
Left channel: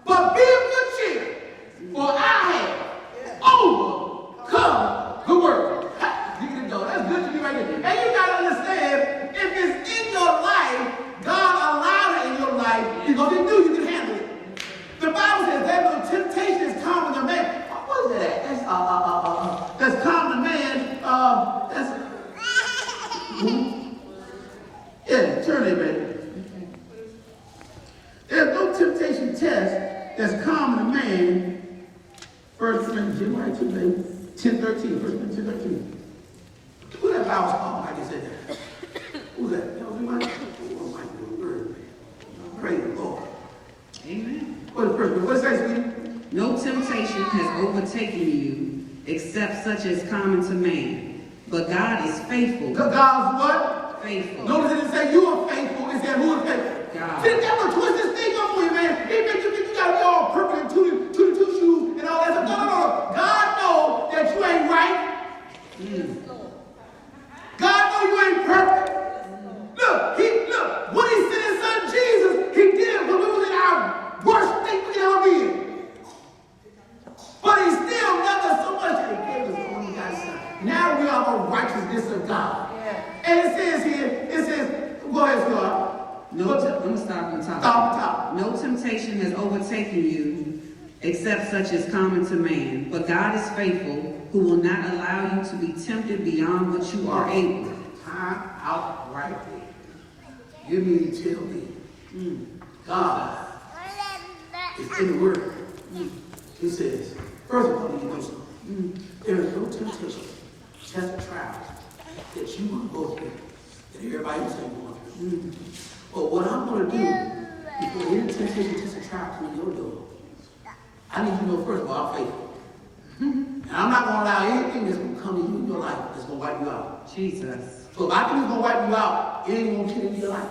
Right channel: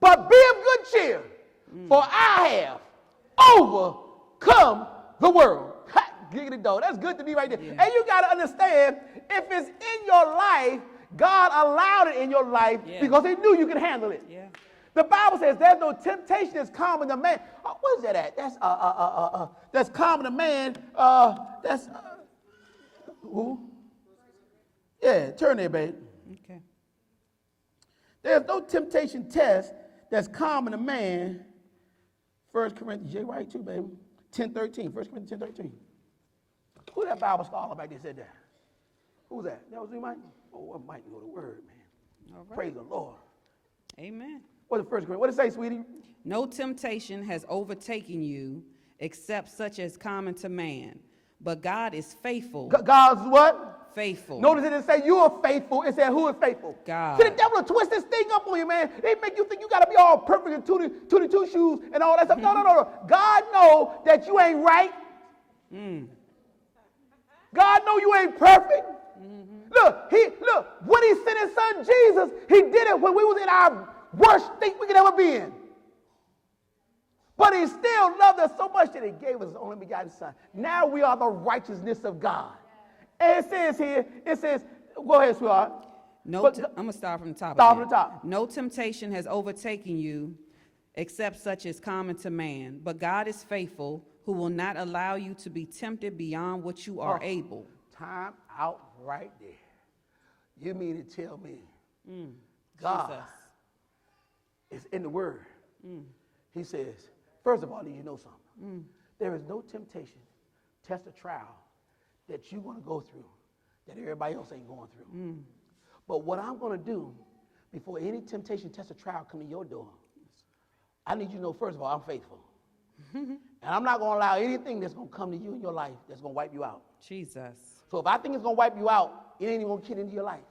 But be of good cheer, for I have overcome the world. You know, that's good to you right here. And you got to understand, if it's in your life, God allowed it in your life because He knew you could handle it. The Bible says there's no temptations common to man. What is that? That's common to man. Yeah, turn it right. There's no temptation test that's common to man. 1 Corinthians 10:13, verse 10:13. Who that Bible talking like is in there? Who that? No, we might like the word. Praise the Lord. Amen. What does that say? No temptation has overtaken you except such as common to man. But God is faithful. God is what? Faithful. Notice it say you are faithful. It said who is faithful? God. See, the devil twist this thing up for you, man. He make you think you gotta be all perfect and two shoes and all that stuff. No. God knows that you ain't right. God knows you ain't perfect. Look, when He sent His Son Jesus, He did it when we was in our worst thing we could ever be in. But He still loved us so much that He gave us what He got His Son. Now we are the righteousness of God. Yeah. And it says here, go ahead, God. Stop. No temptation has overtaken you except such as common to man. But God is faithful, who will not allow you to be tempted beyond what you are able. Time out right there. You need to tell me. God is in the Word. He I need you to know first of all, faith. And I'm not going to allow anything that's going to come to you in your life that's going to wipe you out. Jesus. So a lot of things going to wipe you out. It ain't going to get in your life.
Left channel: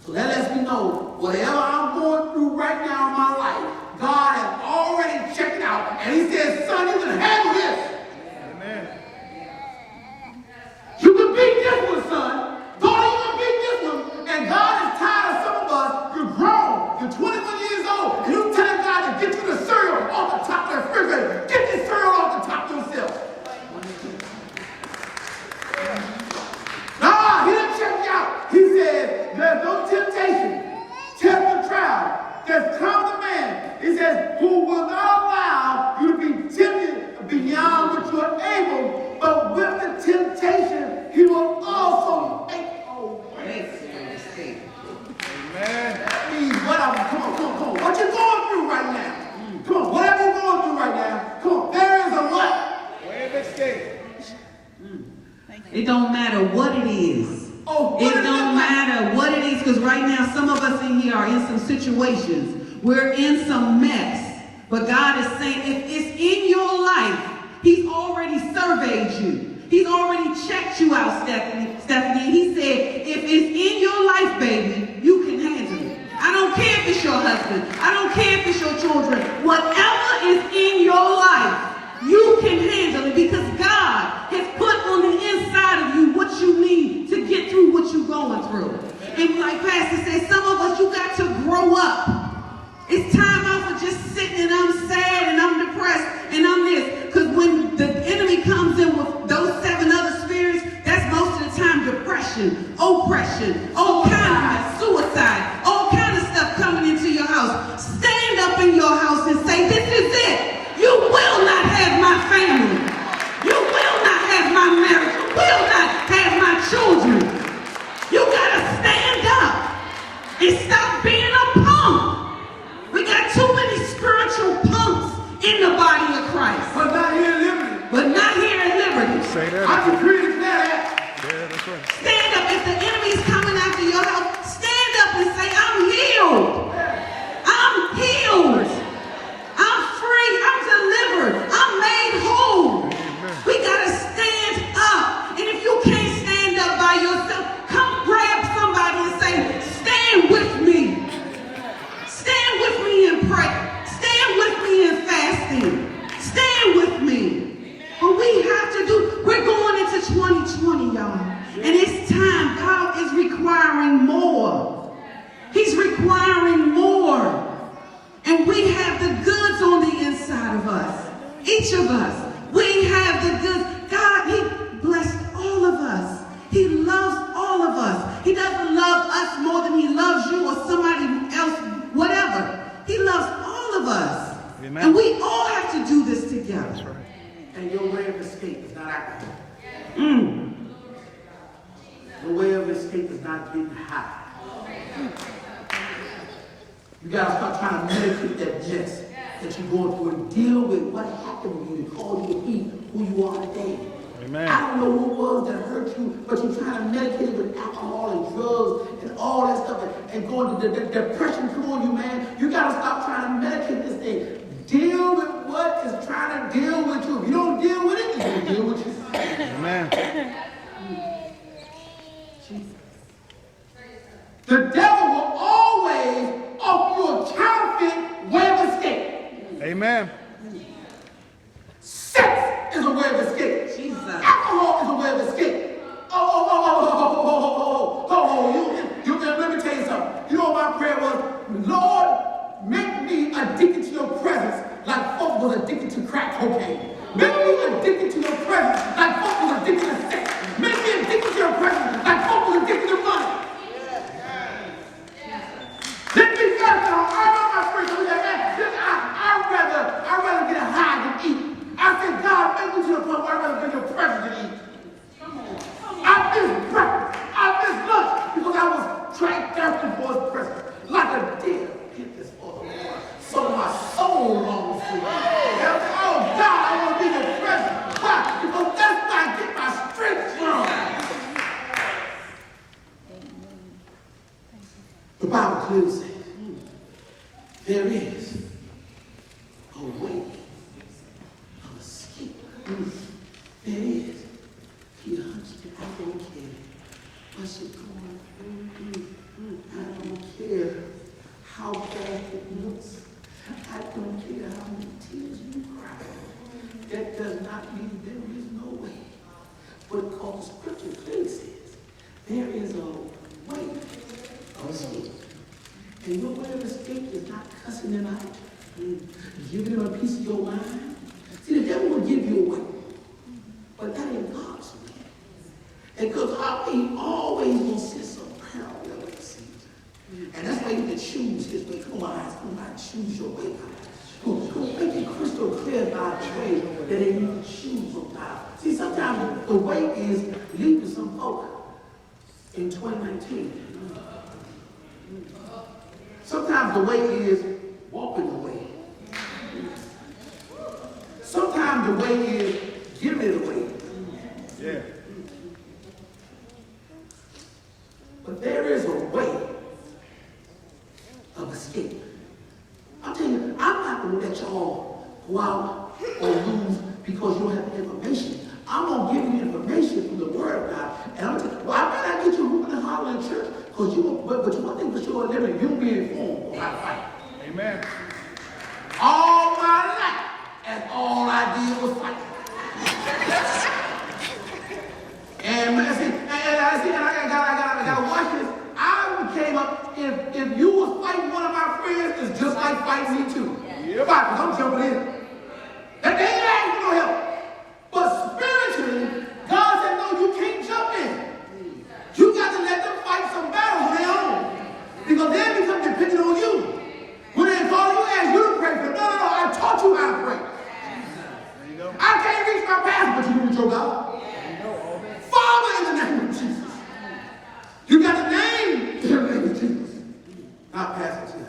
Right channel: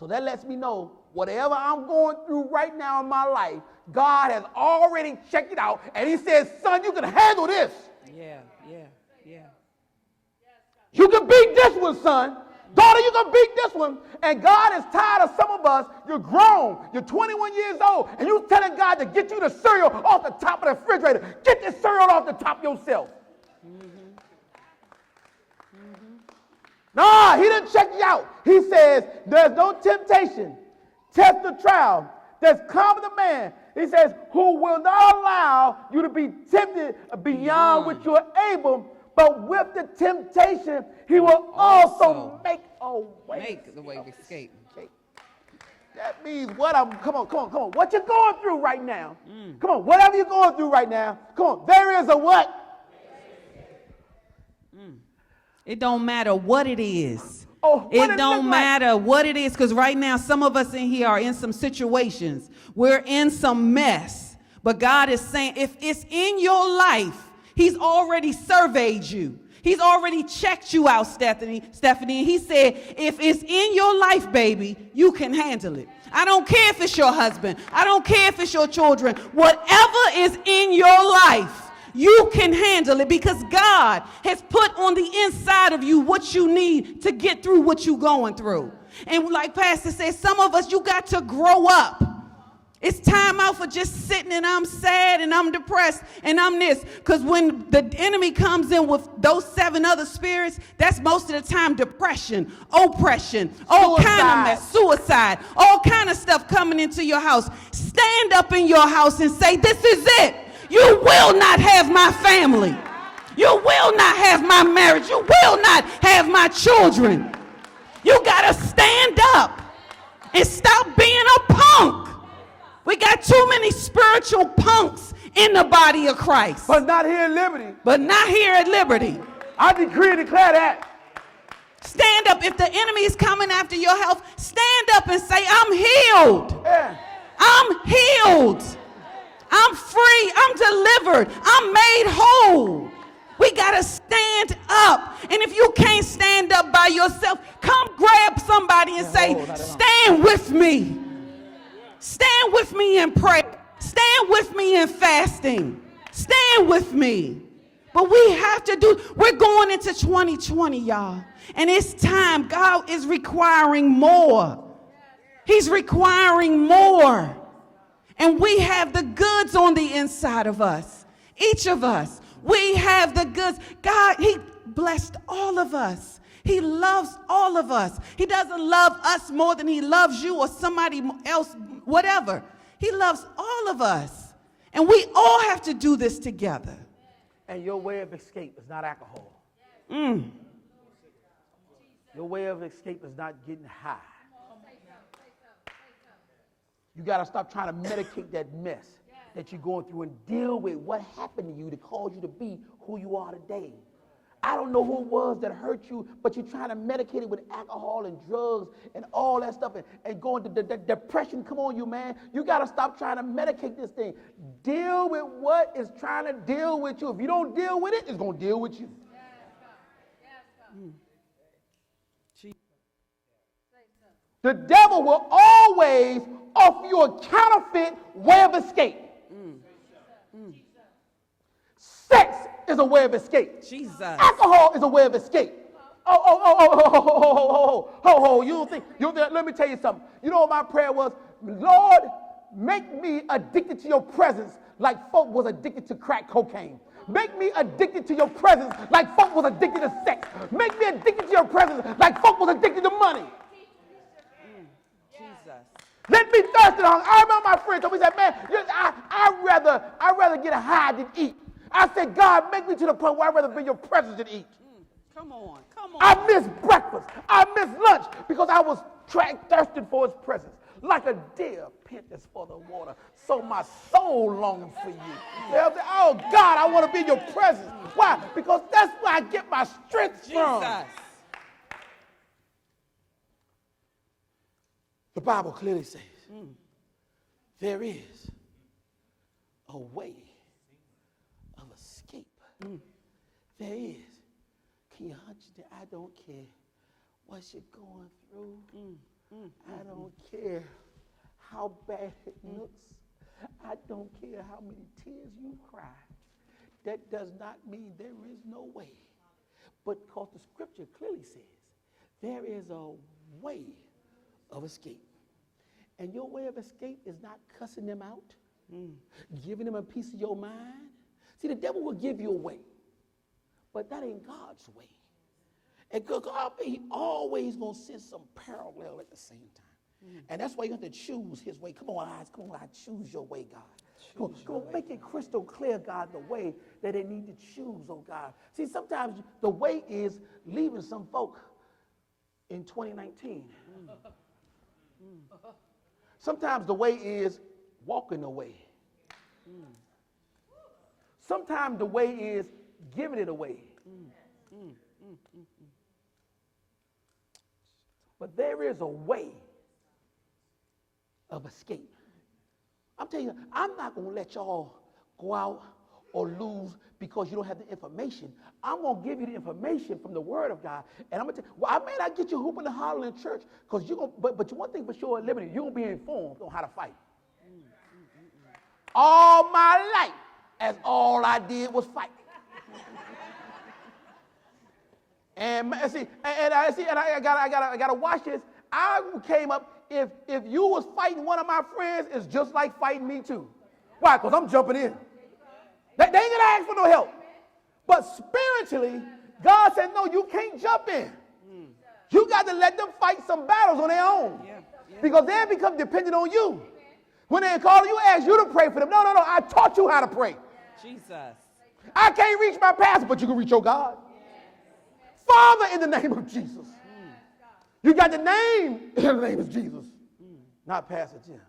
So that lets me know, whatever I'm going through right now in my life, God has already checked it out. And he says, son, you can handle this. Amen. You can beat this one, son. Daughter, you can beat this one. And God is tired of some of us. You're grown. You're 21 years old. And you're telling God to get you the cereal off the top of the refrigerator. Get the cereal off the top yourself. No, he didn't check it out. He says, there's no temptation, test the trial, that's come to man. He says, who will not allow you to be tempted beyond which you are able, but with the temptation, he will also make a way. Amen. Come on. What you going through right now? Come on, whatever you're going through right now, come on, there is a what? Way of escape. It don't matter what it is. Oh, It don't matter what it is, because right now some of us in here are in some situations. We're in some mess. But God is saying, if it's in your life, he's already surveyed you. He's already checked you out, Stephanie. He said, if it's in your life, baby, you can handle it. I don't care if it's your husband. I don't care if it's your children. Whatever is in your life, you can handle it, because God has put on the inside of you what you need to get through what you're going through. And like Pastor said, some of us, you got to grow up. It's time out for just sitting and I'm sad and I'm depressed and I'm this. Because when the enemy comes in with those 7 other spirits, that's most of the time depression, oppression, all kind of mess, suicide, all kind of stuff coming into your house. Stand up in your house and say, this is it. You will not have my family. You will not have my marriage. You will not have my children. You got to stand up and stop being a punk. We got too many spiritual punks in the body of Christ. But not here at Liberty. But not here at Liberty. Say that. I decree and declare that. Yeah, that's right. Stand up. If the enemy is coming after your house, stand up and say, I'm healed. I'm healed. I'm free. I'm delivered. I'm made whole. We got to stand up. And if you can't stand up by yourself, come grab somebody and say, stand with me. Stand with me in prayer. Stand with me in fasting. Stand with me. But we have to we're going into 2020, y'all. And it's time. God is requiring more. He's requiring more. And we have the goods on the inside of us. Each of us. We have the goods. God, he blessed all of us. He loves all of us. He doesn't love us more than he loves you or somebody else, whatever. He loves all of us. Amen. And we all have to do this together. That's right. And your way of escape is not active. Your way of escape is not getting high. You got to start trying to meditate that mess that you're going through and deal with what happened to you and cause you to be who you are today. Amen. I don't know who it was that hurt you, but you're trying to medicate with alcohol and drugs and all that stuff and going to the depression on you, man. You got to stop trying to medicate this thing. Deal with what is trying to deal with you. If you don't deal with it, it's going to deal with you. Amen. The devil will always offer you a counterfeit way of escape. Amen. Sex is a way of escape. Jesus. Alcohol is a way of escape. Let me tell you something. You know what my prayer was? Lord, make me addicted to your presence like folk was addicted to crack cocaine. Make me addicted to your presence like folk was addicted to sex. Make me addicted to your presence like folk was addicted to money. Let me start down. I know my friends who said, man, I'd rather get high than eat. I said, God, make me to the point where I'd rather be in your presence than eat. I miss breakfast. I miss lunch because I was trying thirsty for his presence. Like a deer. So my soul longs for you. Oh, God, I want to be in your presence. Why? Because that's where I get my strength not believe there is no way. But because the scripture clearly says there is a way of escape. And your way of escape is not cussing them out and giving them a piece of your mind. See, the devil will give you a way. But that ain't God's way. And because our way always will sit some parallel with the season. And that's why you can choose his way twice. I'm not choose your way. Make it crystal clear by trade, and then you can choose on God. See, sometimes the way is lead to some folk in 2019. Sometimes the way is walking the way. Sometimes the way is giving it away. Yeah. But there is a way of escape. I'm telling you, I'm not going to let y'all go out or lose because you don't have the information. I'm going to give you information from the Word of God. And I'm going to tell you, why can't I get you moving and hollering in church? Because you won't, but one thing for sure, they're in unity form. Amen. All my life, and all I did was fight. And I got to watch this. I came up, if you was fighting one of my friends, it's just like fighting me too. Yeah. Right, because I'm jumping in. They ain't asking for no help. But spiritually, God said, no, you can't jump in. You got to let them fight some battles on their own. Because they become dependent on you. When they call you, ask you to pray for them. No, I taught you how to pray. I can't reach my pastor, but you can reach your God. Father, in the name of Jesus. You got the name in the name of Jesus. Not pastor.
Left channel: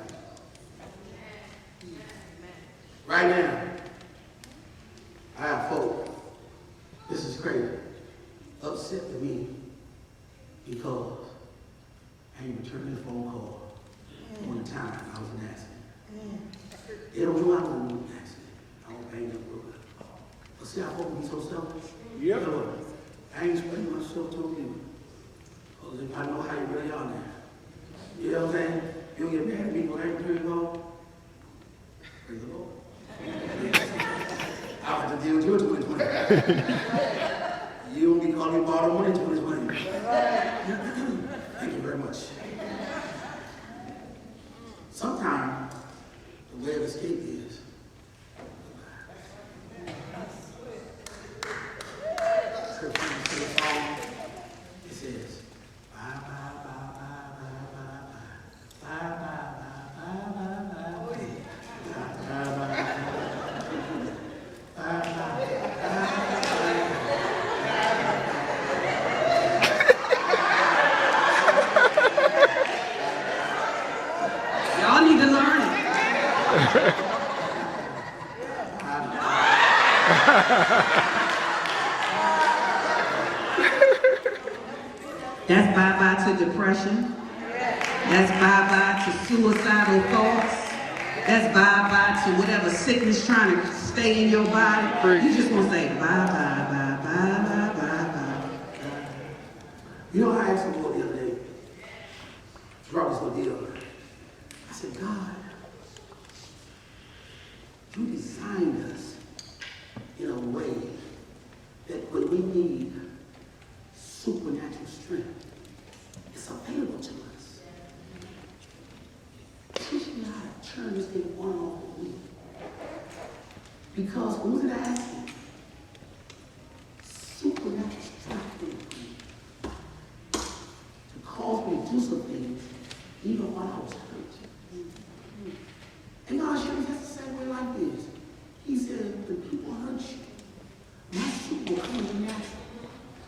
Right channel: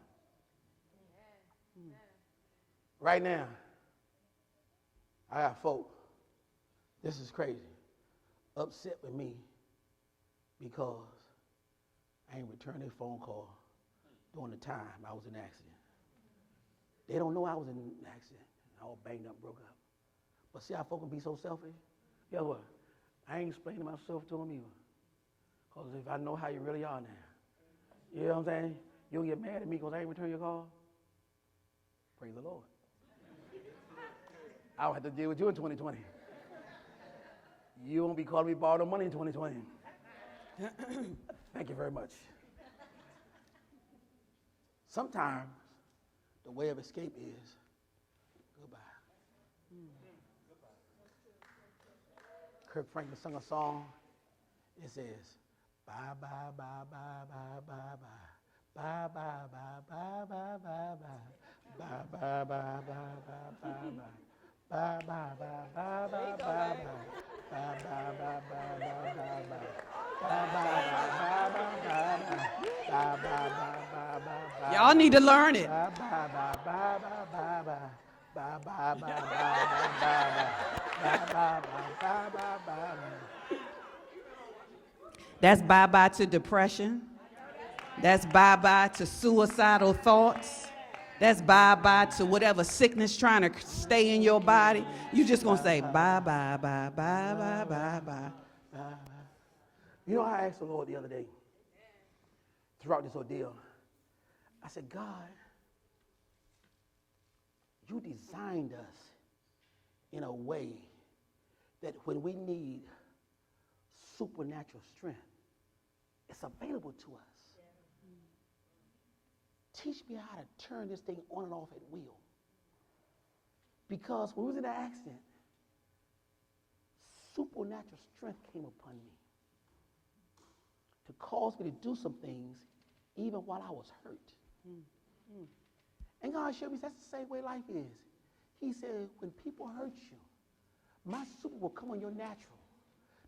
Right now, I have folk. This is crazy. Upset with me because I ain't returned the phone call on the time I was asking. They don't know I was asking. I was paying the book. But see, I hope me so something. Yep. I ain't spending myself on you. I know how you really are now. You know what I'm saying? You get married, people right through the phone. Praise the Lord. I'll have to deal with it 2020. You call me borrow money 2020. Thank you very much. Sometimes the way of escape is it says, bye, bye, bye, bye, bye, bye, bye, bye, bye, bye, bye. Y'all need to learn it. That's bye-bye to depression. That's bye-bye to suicidal thoughts. That's bye-bye to whatever sickness trying to stay in your body. You just want to say bye-bye, bye-bye, bye-bye, bye-bye. You know, I asked him the other day, Jarvis was ill. I said, God, you designed us in a way that when we need supernatural strength, it's available to us. Teach me how to turn this thing on for me. Because when we're asking, supernatural strength to cause me to do some things, even while I was hurt. And God showed me that's the same way like this. He said, when people hurt you, my soup will come natural.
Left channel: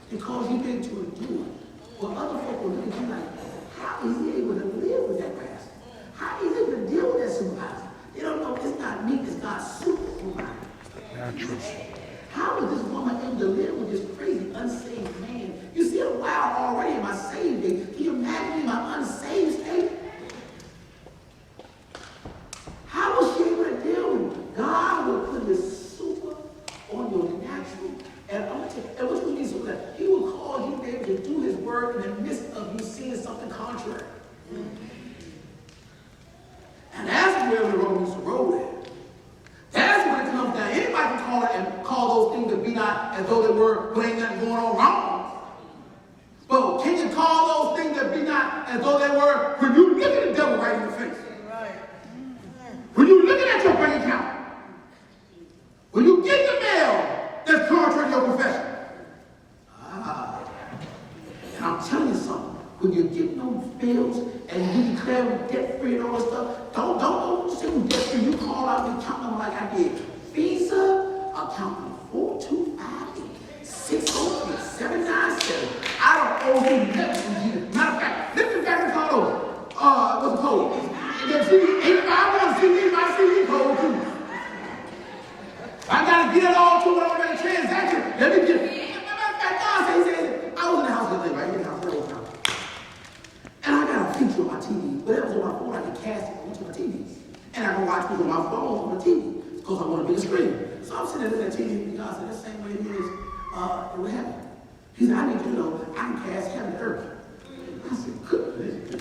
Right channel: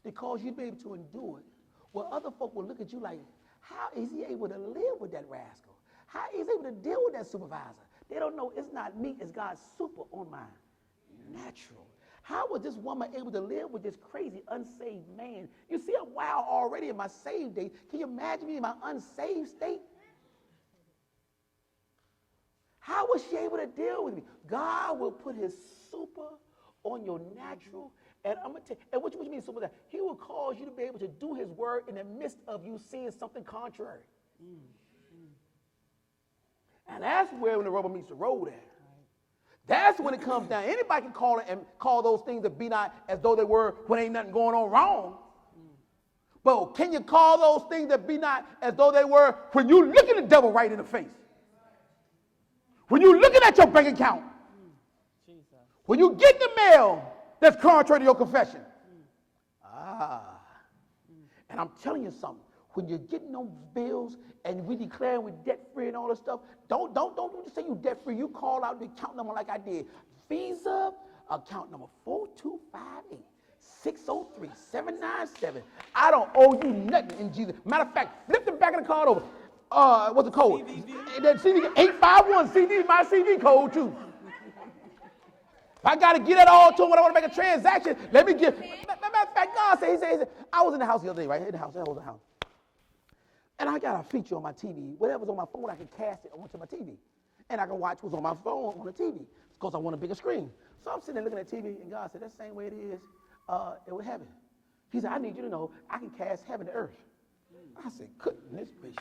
Because you've been to endure. Well, other people will think like, how is he able to live with that person? How is he able to deal with that somebody? They don't know it's not me, it's not soup. Natural. as though they were when you look at the devil right in the face. When you're looking at your bank account. When you get the mail that's contrary to your confession. I'm telling you something. When you get those bills and you declare debt free and all that stuff, don't say debt free. You call out the account like I did. Visa account 425-603-797. I don't owe you nothing. Matter of fact, this is back to call what's the code? The CD 851 CD, my CD code too. I gotta get it all to when I make a transaction. Let me get it. Matter of fact, God said, I was in the house the other day, right? And I got a feature on my TV. Whatever's on my phone, I can cast it onto my TV. And I know I can put my phone on the TV because I want to get a screen. So I'm sitting there at the TV, and God said, the same way it is in heaven. He said, I need to know I can cast heaven and earth. I said, good.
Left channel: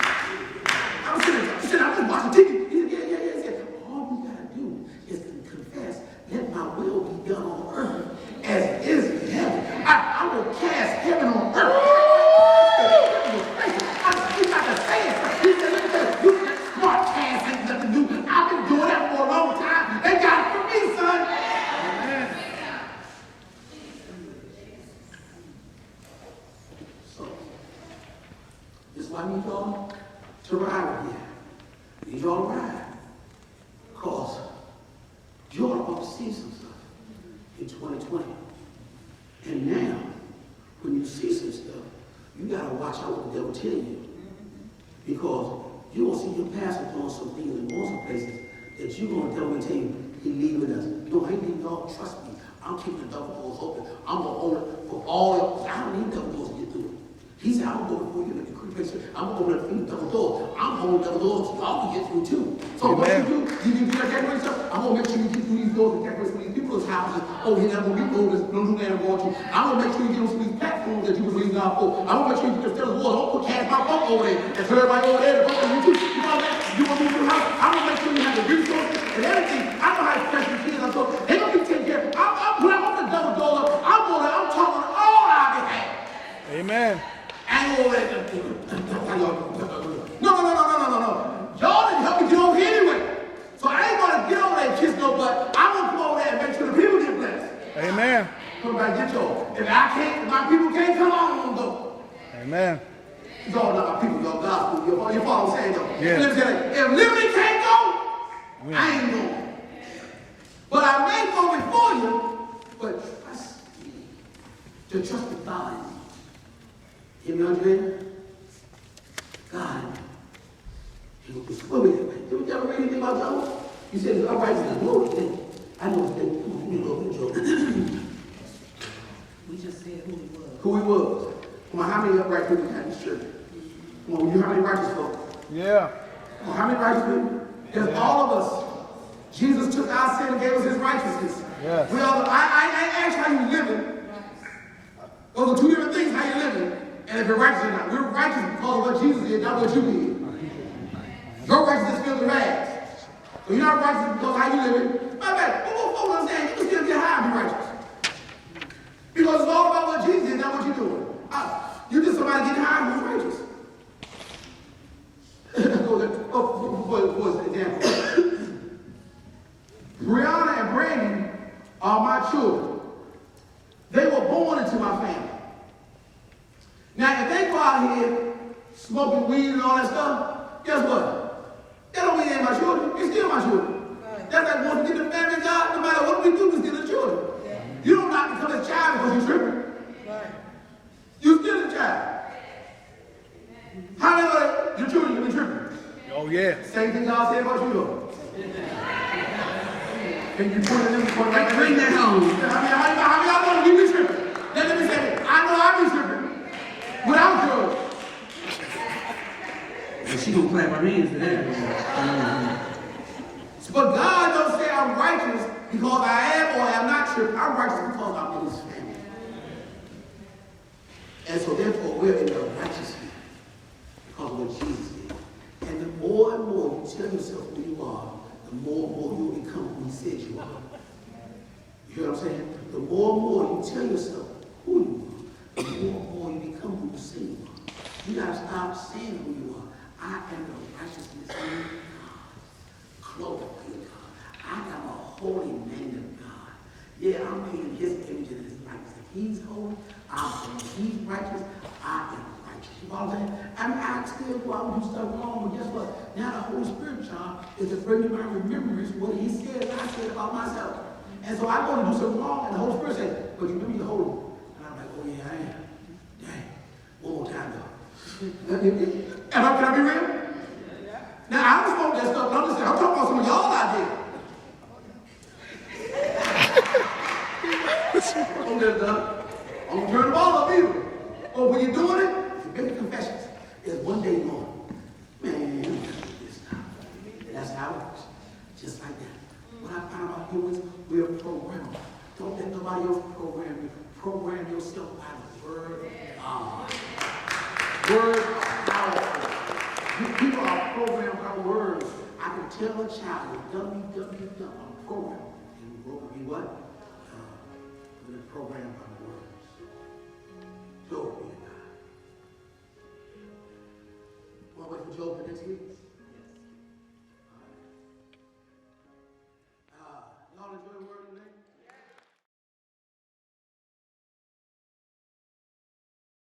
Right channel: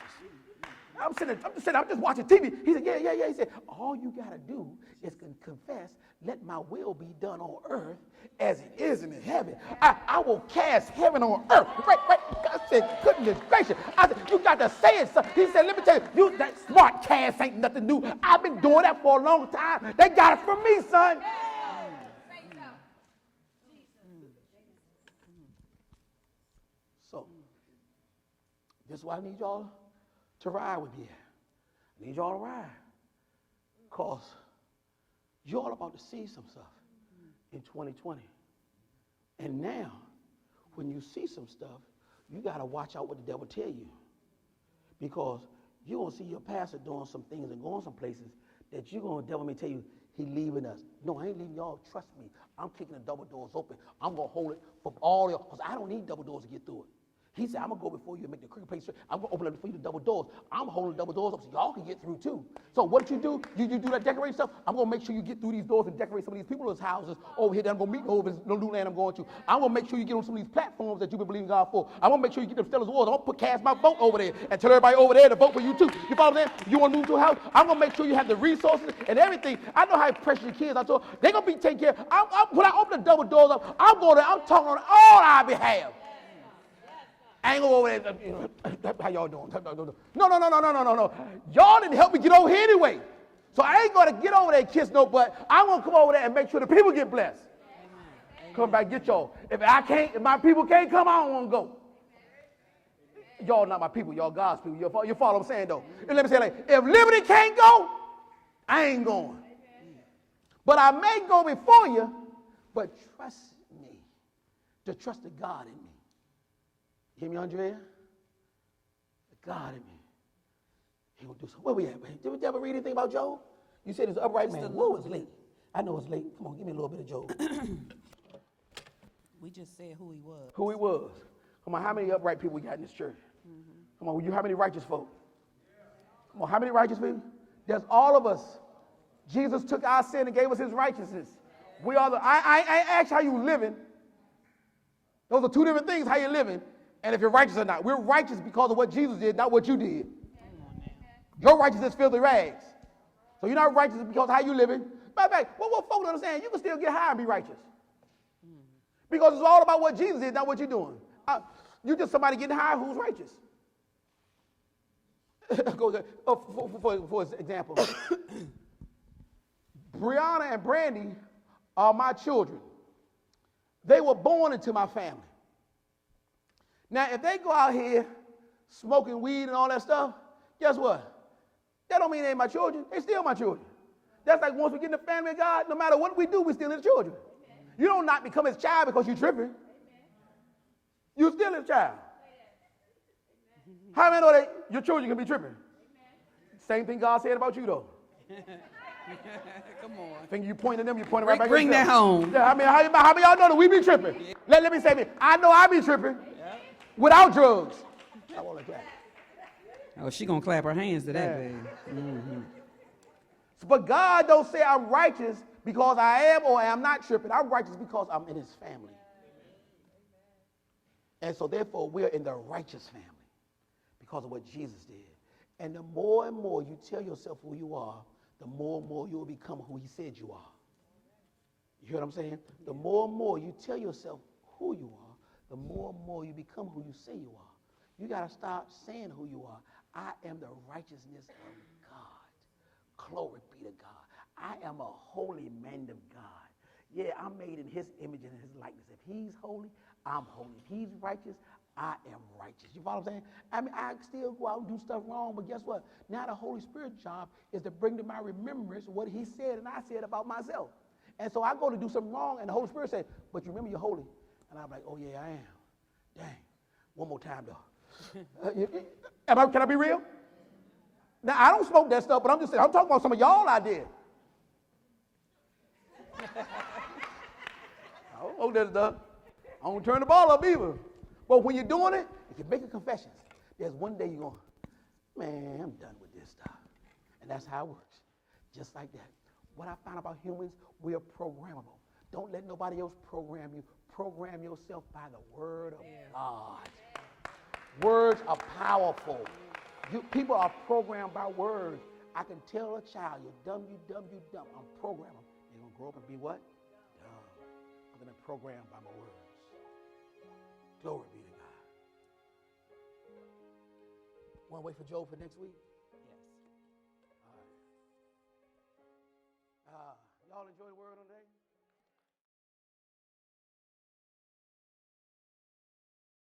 I'm sitting, I'm just watching TV. He said, yeah. He said, all you got to do is confess, let my will be done on earth as it is in heaven. I will cast heaven on earth. He's not the same. He said, let me tell you, that smart cast ain't nothing to do. I've been doing that for a long time. They got it from me, son. So, this is why we need y'all to ride with you. We need y'all to ride. Because you're about to see some stuff in 2020. And now, when you see some stuff, you got to watch out what the devil tell you. Because you will see your pastor doing some things and going some places that you want to tell me, he leaving us. Don't hate me, y'all. Trust me. I'm keeping the double doors open. I'm going to own it for all the I don't need double doors to get through. He said, I'm going to go through you. I'm going to open double doors. I'm going to double doors so y'all can get through too. So what you do? You do that decorate stuff. I'm going to make sure you get through these doors and decorate these people's houses. Oh, yeah, I'm going to be over this little man going to. I'm going to make sure you don't see these back rooms that you believe out for. I'm going to make sure you can fill the walls. I'm going to cast my phone over there and tell everybody over there to vote for you too. You know what I'm saying? You want to do your house? I'm going to make sure you have the resources and everything. I know how to pay for kids. They're going to be taken care of. When I open the double door up, I'm talking on all our behalf. Amen. I ain't over there. No. Y'all didn't help me get over here anyway. So I ain't going to get over there and kiss no butt. I'm going to come over there and make sure the people get blessed. Amen. Nobody get go. If my people can't come on, I'm going to go. Amen. Y'all know my people, y'all gospel. You follow what I'm saying? Yeah. If Liberty can't go, I ain't going. But I may go before you, but trust me. To trust the God. You know what I'm saying? God. You never read anything about that? You said, all right, it's the Lord. I don't know. We just said who he was. Who he was. Come on, how many upright people got in the church? Come on, how many righteous folks? Yeah. Well, how many righteous people? There's all of us. Jesus took our sin and gave us his righteousness. Yes. I ain't asked how you living. Those are two different things, how you living. And if you're righteous or not. We're righteous because of what Jesus did, not what you did. Your righteousness fills the rags. But you're not righteous because of how you living. What I'm saying, you still get high and be righteous. Because it's all about what Jesus did, not what you're doing. You just somebody get high and be righteous. Brianna and Brandon are my children. They were born into my family. Now, if they go out here smoking weed and all that stuff, guess what? They don't get in my children. They're still my children. That's like once we get the family of God, no matter what we do, we're still the children. You don't not become a child because you're tripping. You're still a child. How do you know that your children are tripping? Oh, yeah. Same thing God said about you. Bring that home. How many y'all know we be tripping? Let me say it. I know I be tripping. Without drugs. She won't clap her hands there. But God don't say I'm righteous because I am or am not tripping. I'm righteous because I'm in his family. And so therefore we're in the righteousness because of what Jesus did. And the more and more you tell yourself who you are, the more and more you become who he said you are. You know what I'm saying? The more and more you tell yourself who you are, the more and more you become who you say you are. You gotta stop saying who you are. man of God. Yeah, I'm made in his image and his likeness. If he's holy, I'm holy. If he's righteous, I am righteous. You know what I'm saying? I mean, I still go out and do stuff wrong, but guess what? Now the Holy Spirit job is to bring to my remembrance what he said and I said about myself. And so I go to do something wrong, and the Holy Spirit says, but you really holy. And I'm like, oh yeah, I am. Dang. One more time though. Am I going to be real? Now, I don't smoke that stuff, but I'm talking about some of y'all out there. Don't let it up. I'm turn them all up either. But when you're doing it, it's making confessions. There's one day going, man, this time. That's how it works. Just like that. What I found out here was we're programmed. Don't let nobody else program you. Program yourself by the word of God. Words are powerful. People are programmed by words. I can tell a child, I'm programmed. And you will be what? The program